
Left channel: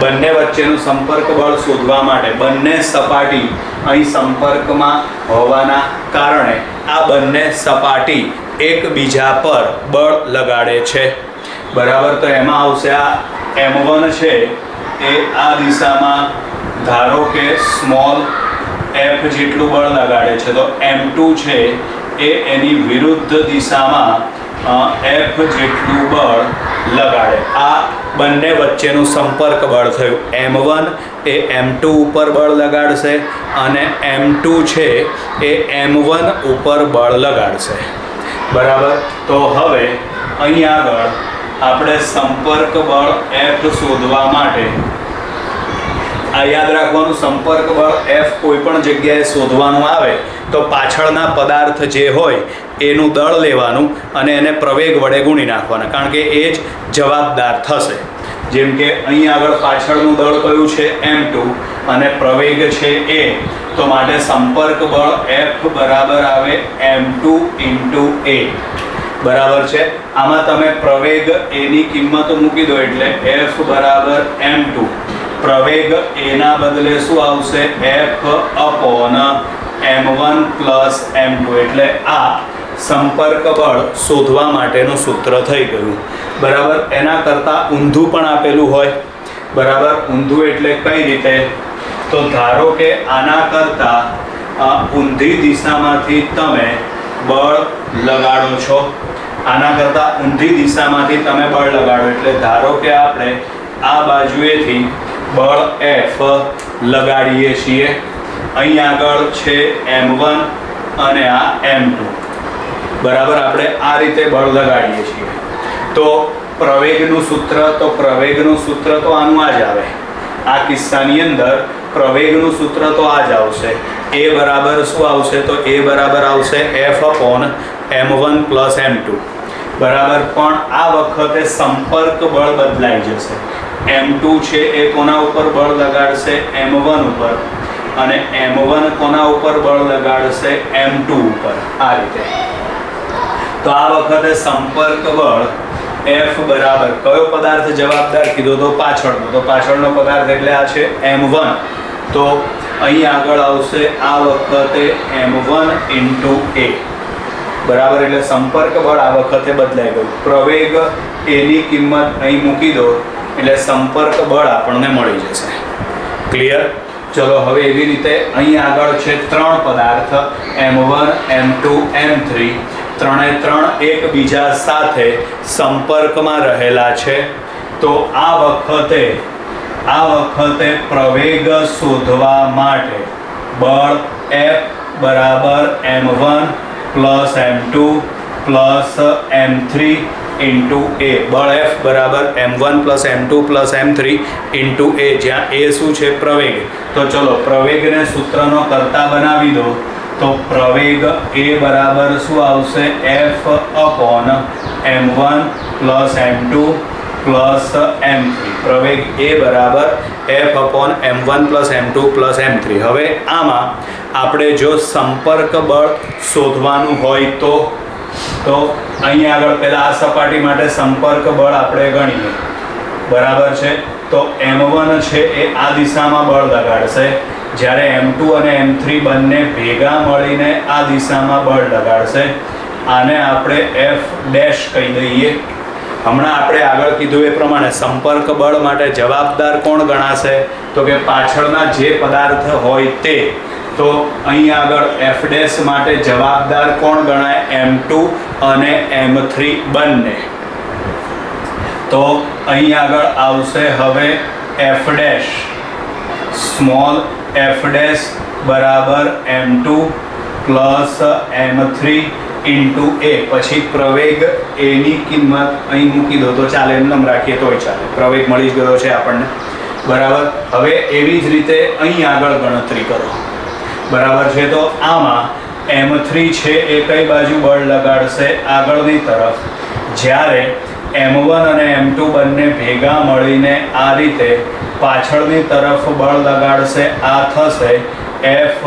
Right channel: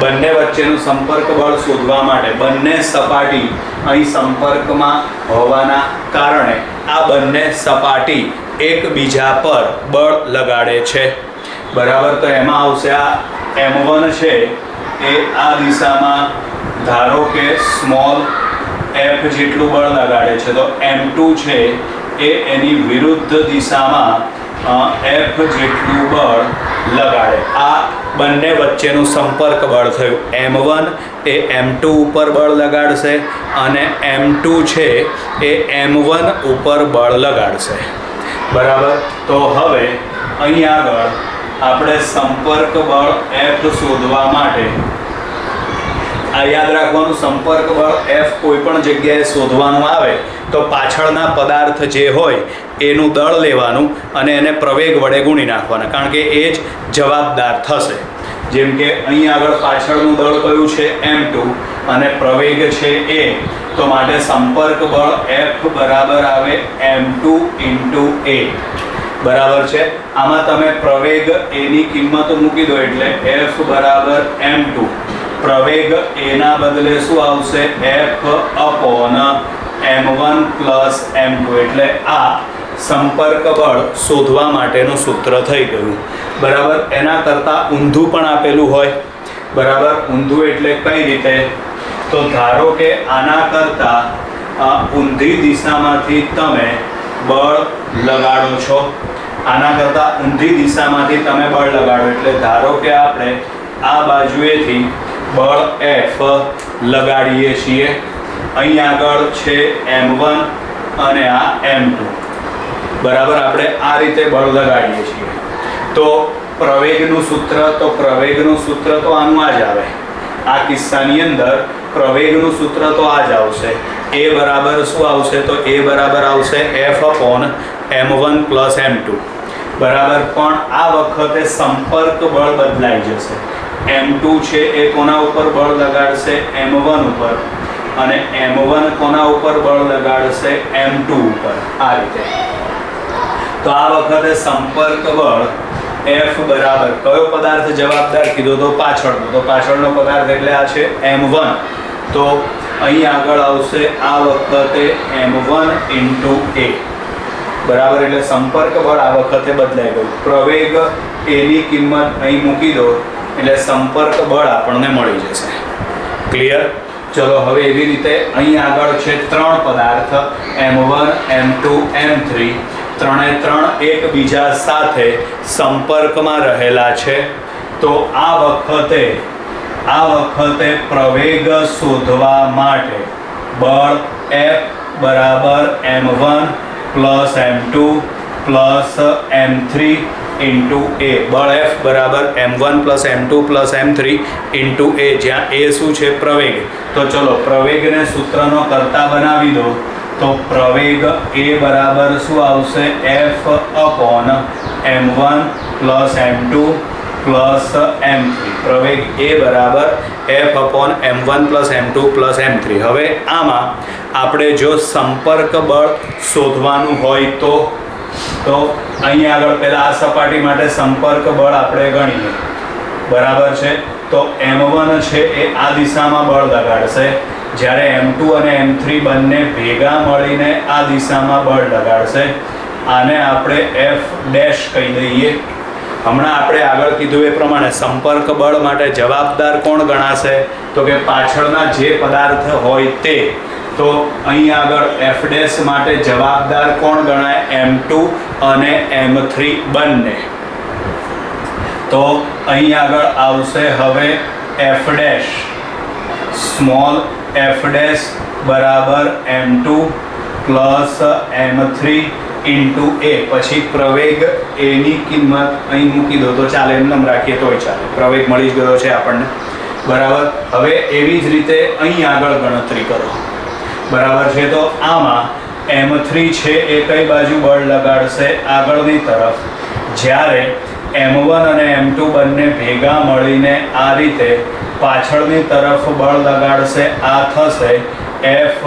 બંને વચ્ચેનું સંપર્ક બળ શોધવા માટે બંને સપાટી અહીં સંપર્કમાં હોવાના કારણે આ બંને સપાટી એકબીજા પર બળ લગાડે છે. બરાબર, તો એમાં આવશે આ M1 છે એ આ દિશામાં ધારો કે સ્મોલ f જેટલું બળ લગાડે છે, તો M2 છે એ એની વિરુદ્ધ દિશામાં F જેટલું બળ લગાડે. આ બંને વચ્ચેનું સંપર્ક બળ થયું. M1 એ M2 ઉપર બળ લગાડશે અને M2 છે એ M1 ઉપર બળ લગાડશે. બરાબર, તો હવે અહીં આગળ આપણે સંપર્ક બળ F શોધવા માટે આ યાદ રાખવાનું, સંપર્ક બળ F કોઈ પણ જગ્યાએ શોધવાનું આવે તો પાછળના પદાર્થ જે હોય એનું દળ લેવાનું અને એને પ્રવેગ વડે ગુણી નાખવાના, કારણ કે એ જ જવાબદાર થશે. જેમ કે અહીં આગળ પાછળનું દળ કયું છે? M2 અને પ્રવેગ છે A, તો માટે સંપર્ક બળ F બરાબર આવે M2 × A. બરાબર છે. આમાં તમે પ્રવેગ A ની કિંમત મૂકી દો એટલે F બરાબર M2. પ્રવેગ A ના બદલે શું આવશે? F upon M1 plus M2, એટલે આ સંપર્ક બળ શોધવા માટેનું સૂત્ર થઈ ગયું. બરાબર, એના કરતાં ઊંધું પણ આપેલું હોય. બરાબર, ઊંધું એટલે કઈ રીતે? તો ધારો કે આના કરતાં ઊંધી દિશામાંથી તમે બળ લગાડો છો, આના કરતાં ઊંધી દિશામાંથી તમે બળ લગાડો, એટલે ધારો કે આપણે આ બાજુએથી બળ F લગાડીએ છીએ. અહીં આગળ છે m1 અને આ m2, બરાબર. આપણે આ રીતે બળ લગાડીએ છીએ. તો પ્રવેગનું સૂત્ર તો આનું આ જ આવે. આ કિસ્સાની અંદર પ્રવેગનું સૂત્ર તો આ જ આવશે. એ બરાબર શું આવશે? તો એ બરાબર આવશે F/m1 + m2, બરાબર. પણ આ વખતે સંપર્ક બળ બદલાઈ જશે. m2 છે એ કોના ઉપર બળ લગાડશે? m1 ઉપર. અને m1 કોના ઉપર બળ લગાડશે? m2 ઉપર. આ રીતે. તો આ વખતે સંપર્ક બળ F બરાબર કયો પદાર્થ જવાબદાર કીધો? તો પાછળનો. તો પાછળનો પદાર્થ એટલે આ છે m1. તો અહીં આગળ આવશે આ વખતે m1 × a, બરાબર. એટલે સંપર્ક બળ આ વખતે બદલાઈ ગયું. પ્રવેગ એની કિંમત અહીં મૂકી દો એટલે સંપર્ક બળ આપણને મળી જશે. ક્લિયર? ચલો હવે એવી રીતે અહીં આગળ છે 3 પદાર્થ m1, m2, m3. ત્રણે ત્રણ એકબીજા સાથે સંપર્કમાં રહેલા છે. તો આ વખતે પ્રવેગ શોધવા માટે બળ F બરાબર m1 + m2 + m3 × a. બળ F બરાબર m1 + m2 + m3 × a, જ્યાં a શું છે? પ્રવેગ. તો ચલો પ્રવેગને સૂત્રનો કર્તા બનાવી દો. તો પ્રવેગ એ બરાબર શું આવશે? F/m1 + m2 + m3. પ્રવેગ એ બરાબર F/m1 + m2 + m3. હવે આમાં આપણે જો સંપર્ક બળ શોધવાનું હોય તો અહીં આગળ પહેલા આ સપાટી માટે સંપર્ક બળ આપણે ગણીએ, બરાબર છે. તો m1 છે એ આ દિશામાં બળ લગાડશે, જ્યારે m2 અને m3 બંને ભેગા મળીને આ દિશામાં બળ લગાડશે. આને આપણે F' કહી દઈએ. હમણાં આપણે આગળ કીધું એ પ્રમાણે સંપર્ક બળ માટે જવાબદાર કોણ ગણાશે? તો કે પાછળના જે પદાર્થ હોય તે. તો અહીં આગળ F' માટે જવાબદાર કોણ ગણાય? m2 અને m3 બંને. તો અહીં આગળ આવશે હવે F', સ્મોલ f' બરાબર m2 + m3 × a. પછી પ્રવેગ એની કિંમત અહીં મૂકી દો તો ચાલે, એમ રાખીએ તોય ચાલે. પ્રવેગ મળી જ ગયો છે આપણને, બરાબર. હવે એવી જ રીતે અહીં આગળ ગણતરી કરો, બરાબર છે. તો આમાં m3 છે એ કઈ બાજુ બળ લગાડશે? આગળની તરફ. જ્યારે m1 અને m2 બંને ભેગા મળીને આ રીતે પાછળની તરફ બળ લગાડશે. આ થશે F',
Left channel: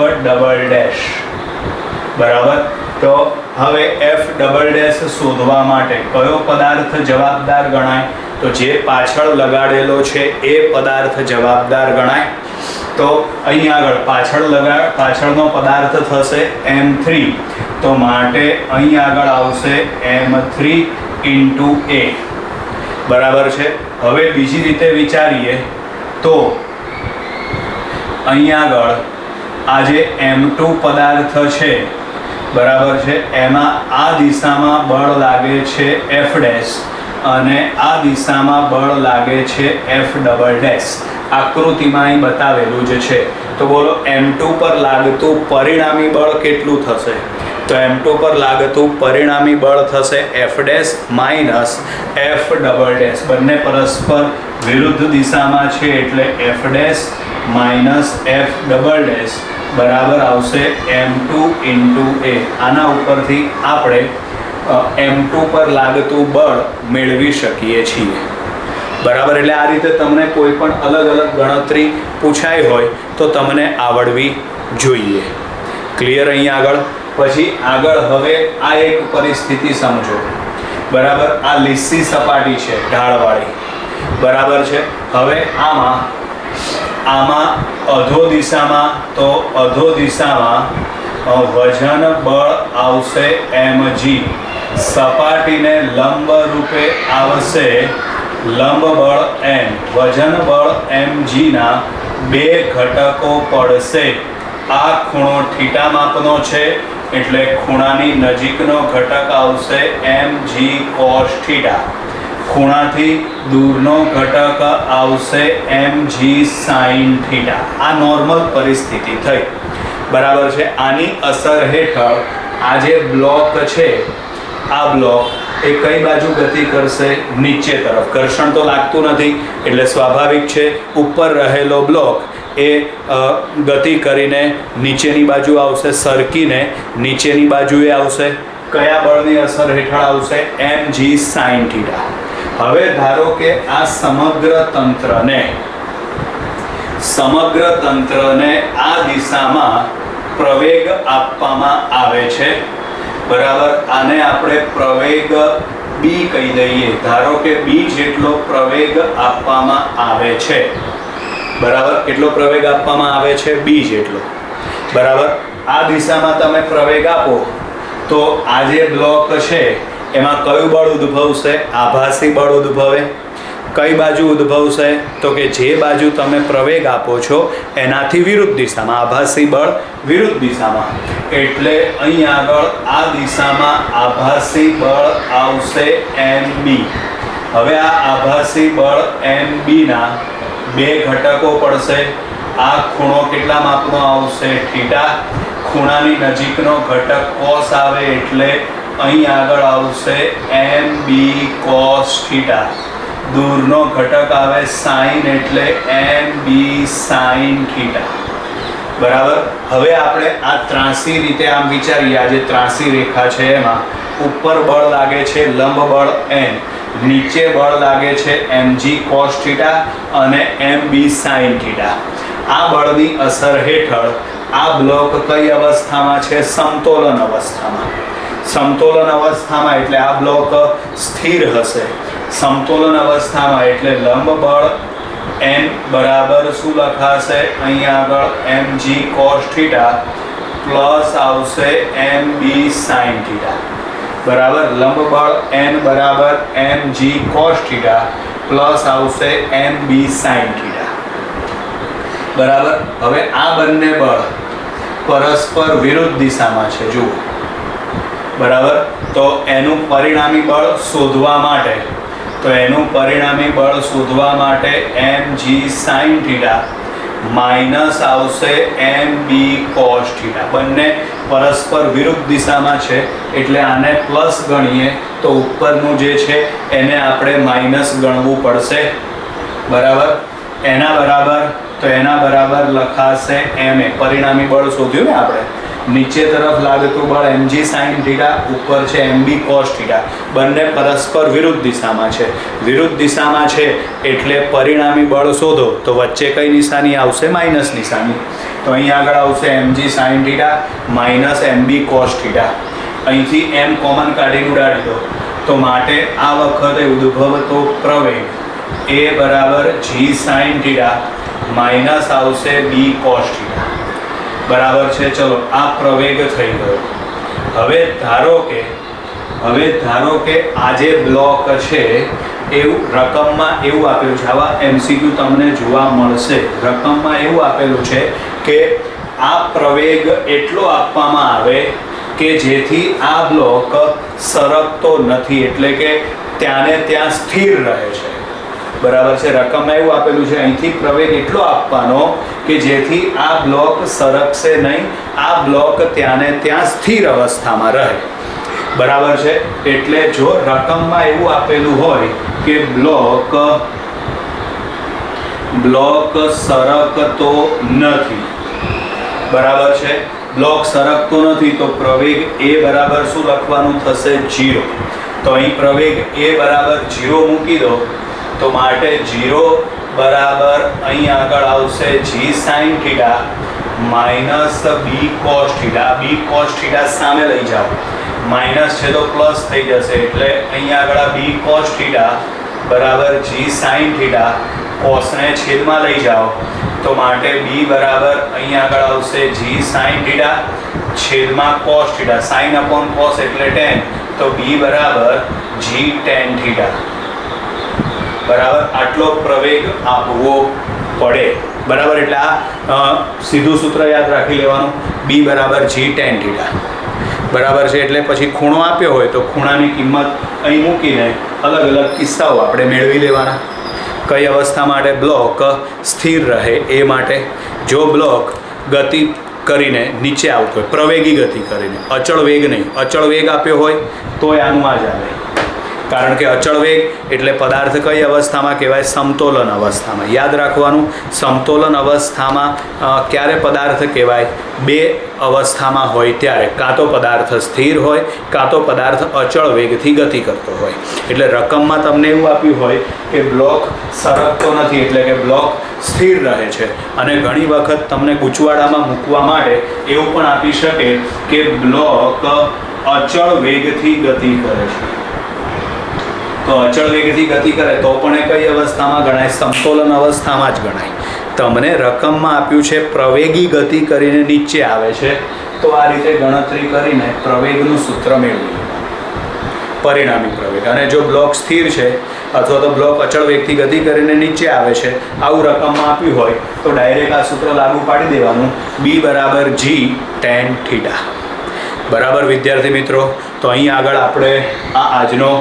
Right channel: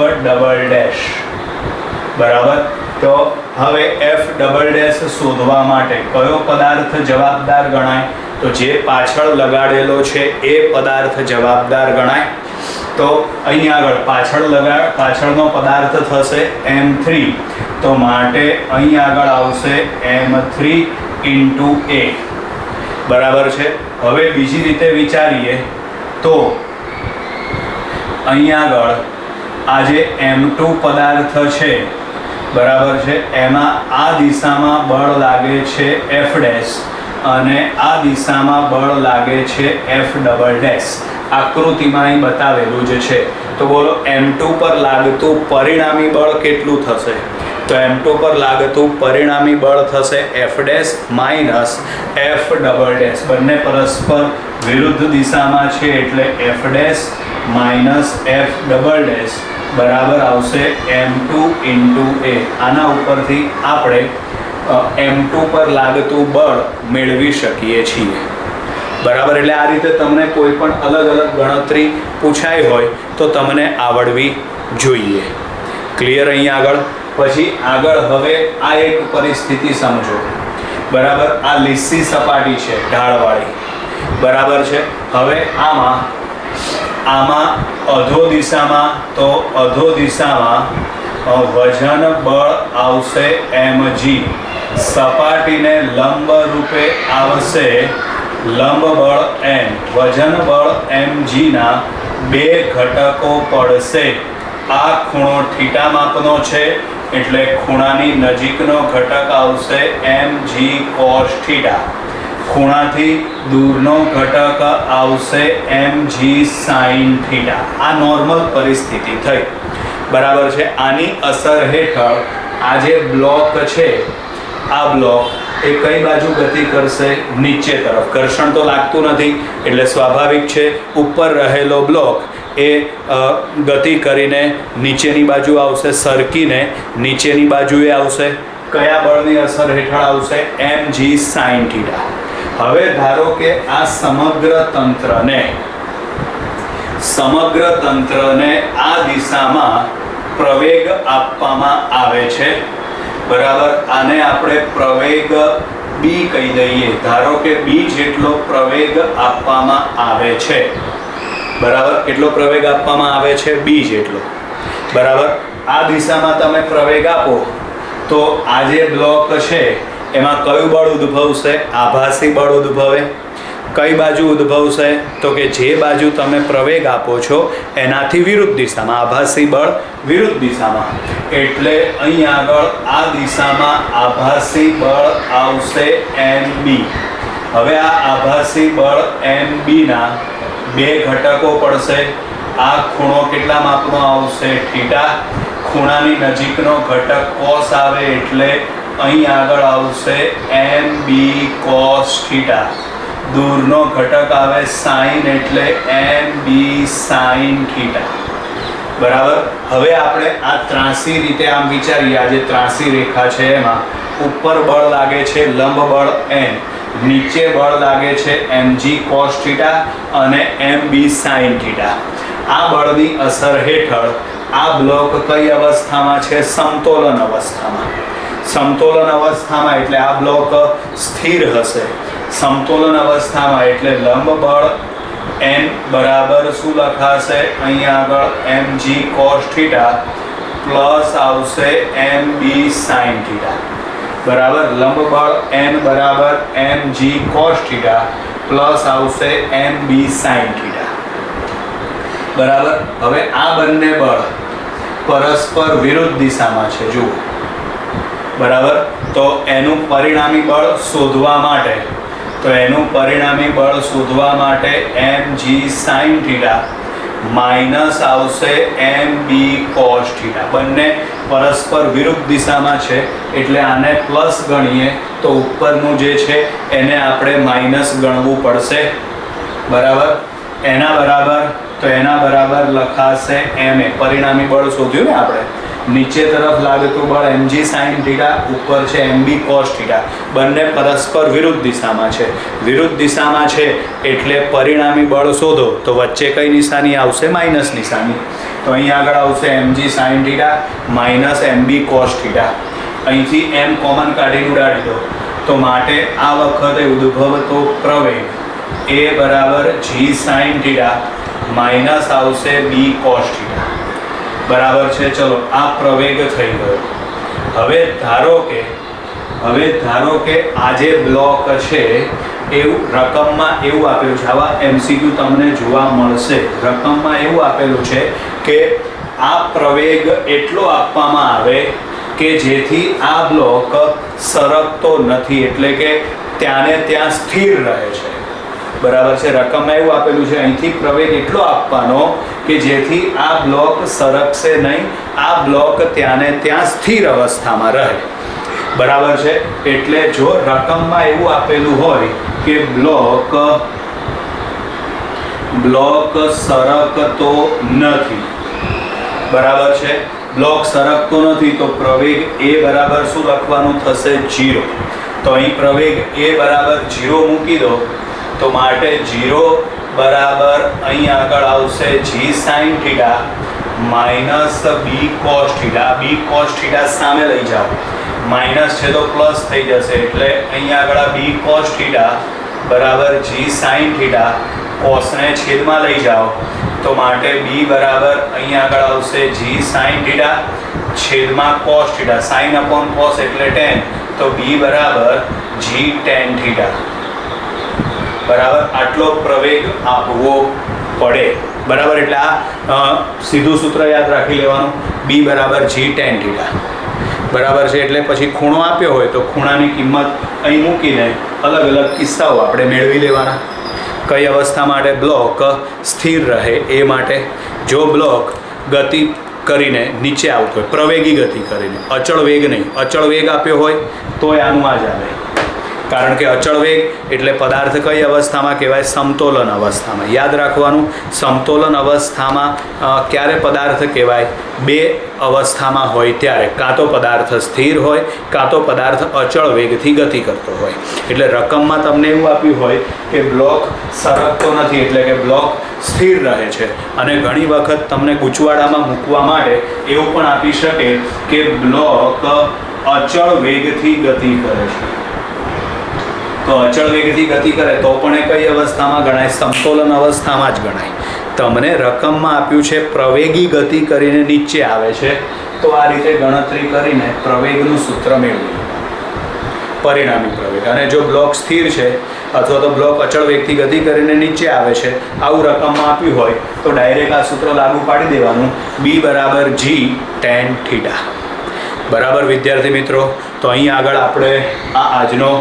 બરાબર. તો હવે F' શોધવા માટે કયો પદાર્થ જવાબદાર ગણાય? તો જે પાછળ લગાડેલો છે એ પદાર્થ જવાબદાર ગણાય. તો અહીં આગળ પાછળનો પદાર્થ થશે m3. તો માટે અહીં આગળ આવશે m3 × a, બરાબર છે. હવે બીજી રીતે વિચારીએ તો અહીં આગળ આ જે m2 પદાર્થ છે, બરાબર છે, એમાં આ દિશામાં બળ લાગે છે F' અને આ દિશામાં બળ લાગે છે F'. આકૃતિમાં અહીં બતાવેલું જ છે. તો બોલો m2 પર લાગતું પરિણામી બળ કેટલું થશે? તો m2 પર લાગતું પરિણામી બળ થશે F' - F'. બંને પરસ્પર વિરુદ્ધ દિશામાં છે એટલે F' - F', બરાબર આવશે m2 × a. આના ઉપરથી આપણે m2 પર લાગતું બળ મેળવી શકીએ છીએ, બરાબર. એટલે આ રીતે તમને કોઈ પણ અલગ અલગ ગણતરી પૂછાઈ હોય તો તમને આવડવી જોઈએ. ક્લિયર? અહીં આગળ પછી આગળ હવે આ એક પરિસ્થિતિ સમજો, બરાબર. આ લીસી સપાટી છે ઢાળવાળી, બરાબર છે. હવે આમાં અધો દિશામાં વજન બળ આવશે mg. સપાટીને લંબ રૂપે આવશે લંબ બળ m. વજન બળ mg ના બે ઘટકો પડશે. આ ખૂણો θ માપનો છે એટલે ખૂણાની નજીકનો ઘટક આવશે mg cos θ. ખૂણાથી દૂરનો ઘટક આવશે mg sin θ. આ નોર્મલ પરિસ્થિતિ થઈ. બરાબર છે. આની અસર હેઠળ આ જે બ્લોક છે, આ બ્લોક એ કઈ બાજુ ગતિ કરશે? નીચે તરફ. ઘર્ષણ તો લાગતું નથી એટલે સ્વાભાવિક છે ઉપર રહેલો બ્લોક એ ગતિ કરીને નીચેની બાજુ આવશે, સરકીને નીચેની બાજુએ આવશે. કયા બળની અસર હેઠળ આવશે? mg sin theta. હવે ધારો કે આ સમગ્ર તંત્રને આ દિશામાં પ્રવેગ આપવામાં આવે છે, બરાબર. આને આપણે પ્રવેગ બી કહી દઈએ. ધારો કે બી જેટલો પ્રવેગ આપવામાં આવે છે, બરાબર. કેટલો પ્રવેગ આપવામાં આવે છે? બી જેટલો, બરાબર. આ દિશામાં તમે પ્રવેગ આપો તો આ જે બ્લોક છે એમાં કયું બળ ઉદ્ભવશે? આભાસી બળ ઉદ્ભવે. કઈ બાજુ ઉદ્ભવશે? તો કે જે બાજુ તમે પ્રવેગ આપો છો એનાથી વિરુદ્ધ દિશામાં. આભાસી બળ વિરુદ્ધ દિશામાં, એટલે અહીં આગળ આ દિશામાં આભાસી બળ આવશે mb. હવે આ આભાસી બળ mb ના બે ઘટકો પડશે. આ ખૂણો કેટલા માપનો આવશે? થીટા. ખૂણાની નજીકનો ઘટક cos આવે એટલે અહીં આગળ આવશે mb cos થીટા. દૂરનો ઘટક આવે sin એટલે mb sin થીટા, બરાબર. હવે આપણે આ ત્રાંસી રીતે આમ વિચારીએ. આ જે ત્રાંસી રેખા છે એમાં ઉપર બળ લાગે છે લંબ બળ n, નીચે બળ લાગે છે mg cos થીટા અને mb sin થીટા. આ બળની અસર હેઠળ આ બ્લોક કઈ અવસ્થામાં છે? સમતોલન અવસ્થામાં. સમતોલન અવસ્થામાં એટલે આ બ્લોક સ્થિર હશે. સમતોલન અવસ્થામાં એટલે લંબ બળ n બરાબર શું લખાશે? અહીં આગળ mg cos થીટા પ્લસ આવશે mb sin થીટા, બરાબર. લંબ બળ n બરાબર mg cos થીટા પ્લસ આવશે mb sin થીટા, બરાબર. હવે આ બંને બળ પરસ્પર વિરુદ્ધ દિશામાં છે, જુઓ, બરાબર. તો એનું પરિણામી બળ શોધવા માટે mg sin થીટા માઇનસ આવશે mb cos થીટા. બંને પરસ્પર વિરુદ્ધ દિશામાં છે એટલે આને પ્લસ ગણીએ તો ઉપરનું જે છે એને આપણે માઇનસ ગણવું પડશે, બરાબર. એના બરાબર લખાશે ma. પરિણામી બળ શોધ્યું ને આપણે. નીચે તરફ લાગતું બળ mg sin થીટા, ઉપર છે mb cos થીટા. બંને પરસ્પર વિરુદ્ધ દિશામાં છે એટલે પરિણામી બળ શોધો તો વચ્ચે કઈ નિશાની આવશે? માઇનસ નિશાની. તો અહીં આગળ આવશે mg sin theta minus mb cos theta. અહીંથી m કોમન કાઢીને ઉડાડી દો તો માટે આ વખતે ઉદ્ભવતો પ્રવેગ a બરાબર g sin થીટા માઇનસ આવશે b cos થીટા, બરાબર છે. ચલો, આ પ્રવેગ થઈ ગયો. હવે ધારો કે આ જે બ્લોક છે એવું રકમમાં એવું આપેલું છે. આવા એમસીક્યુ તમને જોવા મળશે. રકમમાં એવું આપેલું છે કે આ પ્રવેગ એટલો આપવામાં આવે કે જેથી આ બ્લોક સરકતો નથી, એટલે કે ત્યાંને ત્યાં સ્થિર રહે છે, બરાબર છે. રકમમાં એવું આપેલું છે અહીંથી પ્રવેગ એટલો આપવાનો કે જેથી આ બ્લોક સરકશે નહીં, આ બ્લોક ત્યાંને ત્યાં સ્થિર અવસ્થામાં રહે, બરાબર છે. એટલે જો રકમમાં એવું આપેલું હોય કે બ્લોક સરકતો નથી, બરાબર છે. બ્લોક સરકતો નથી તો પ્રવેગ a બરાબર શું લખવાનું થશે? 0. તો અહીં પ્રવેગ a બરાબર 0 મૂકી દો તો માટે 0 બરાબર અહીં આગળ આવશે g sin theta minus b cos theta. b cos theta સામે લઈ જાઓ, માઇનસ છે તો પ્લસ થઈ જશે એટલે અહીં આગળ b cos થીટા બરાબર g sin થીટા. કોસને છેદમાં લઈ જાઓ તો માટે b બરાબર અહીં આગળ આવશે g sin થીટા છેદમાં cos theta. sin upon cos એટલે tan, તો b બરાબર g tan થીટા, બરાબર. આટલો પ્રવેગ આપવો પડે, બરાબર. એટલે આ સીધું સૂત્ર યાદ રાખી લેવાનું, b બરાબર g tan થીટા, બરાબર છે. એટલે પછી ખૂણો આપ્યો હોય તો ખૂણાની કિંમત અહીં મૂકીને અલગ અલગ કિસ્સાઓ આપણે મેળવી લેવાના. કઈ અવસ્થા માટે? બ્લોક સ્થિર રહે એ માટે. જો બ્લોક ગતિ કરીને નીચે આવતો હોય, પ્રવેગી ગતિ કરીને, અચળ વેગ નહીં. અચળ વેગ આપ્યો હોય તોય આનું આ જ આવે, કારણ કે અચળ વેગ એટલે પદાર્થ કઈ અવસ્થામાં કહેવાય? સમતોલન અવસ્થામાં. યાદ રાખવાનું, સમતોલન અવસ્થામાં ક્યારે પદાર્થ કહેવાય? બે અવસ્થામાં હોય ત્યારે, કાં તો પદાર્થ સ્થિર હોય, કાં તો પદાર્થ અચળ વેગથી ગતિ કરતો હોય. એટલે રકમમાં તમને એવું આપ્યું હોય કે બ્લોક સરકતો નથી, એટલે કે બ્લોક સ્થિર રહે છે. અને ઘણી વખત તમને ગૂંચવાડામાં મૂકવા માટે એવું પણ આપી શકે કે બ્લોક અચળ વેગથી ગતિ કરે છે. તો અચળ વેગથી ગતિ કરે તો પણ એ કઈ અવસ્થામાં ગણાય? સમતોલન અવસ્થામાં જ ગણાય. તમને રકમમાં આપ્યું છે પ્રવેગી ગતિ કરીને નીચે આવે છે, તો આ રીતે ગણતરી કરીને પ્રવેગનું સૂત્ર મેળવી, પરિણામી પ્રવેગ. અને જો બ્લોક સ્થિર છે અથવા તો બ્લોક અચળ વેગથી ગતિ કરીને નીચે આવે છે, આવું રકમમાં આપ્યું હોય તો ડાયરેક્ટ આ સૂત્ર લાગુ પાડી દેવાનું, B = G tan θ. બરાબર વિદ્યાર્થી મિત્રો? તો અહીં આગળ આપણે આજનો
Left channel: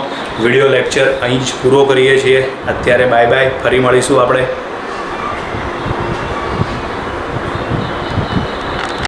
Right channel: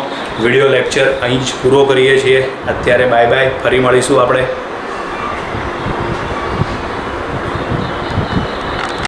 વિડીયો લેક્ચર અહીં જ પૂરો કરીએ છીએ. અત્યારે બાય બાય, ફરી મળીશું આપણે.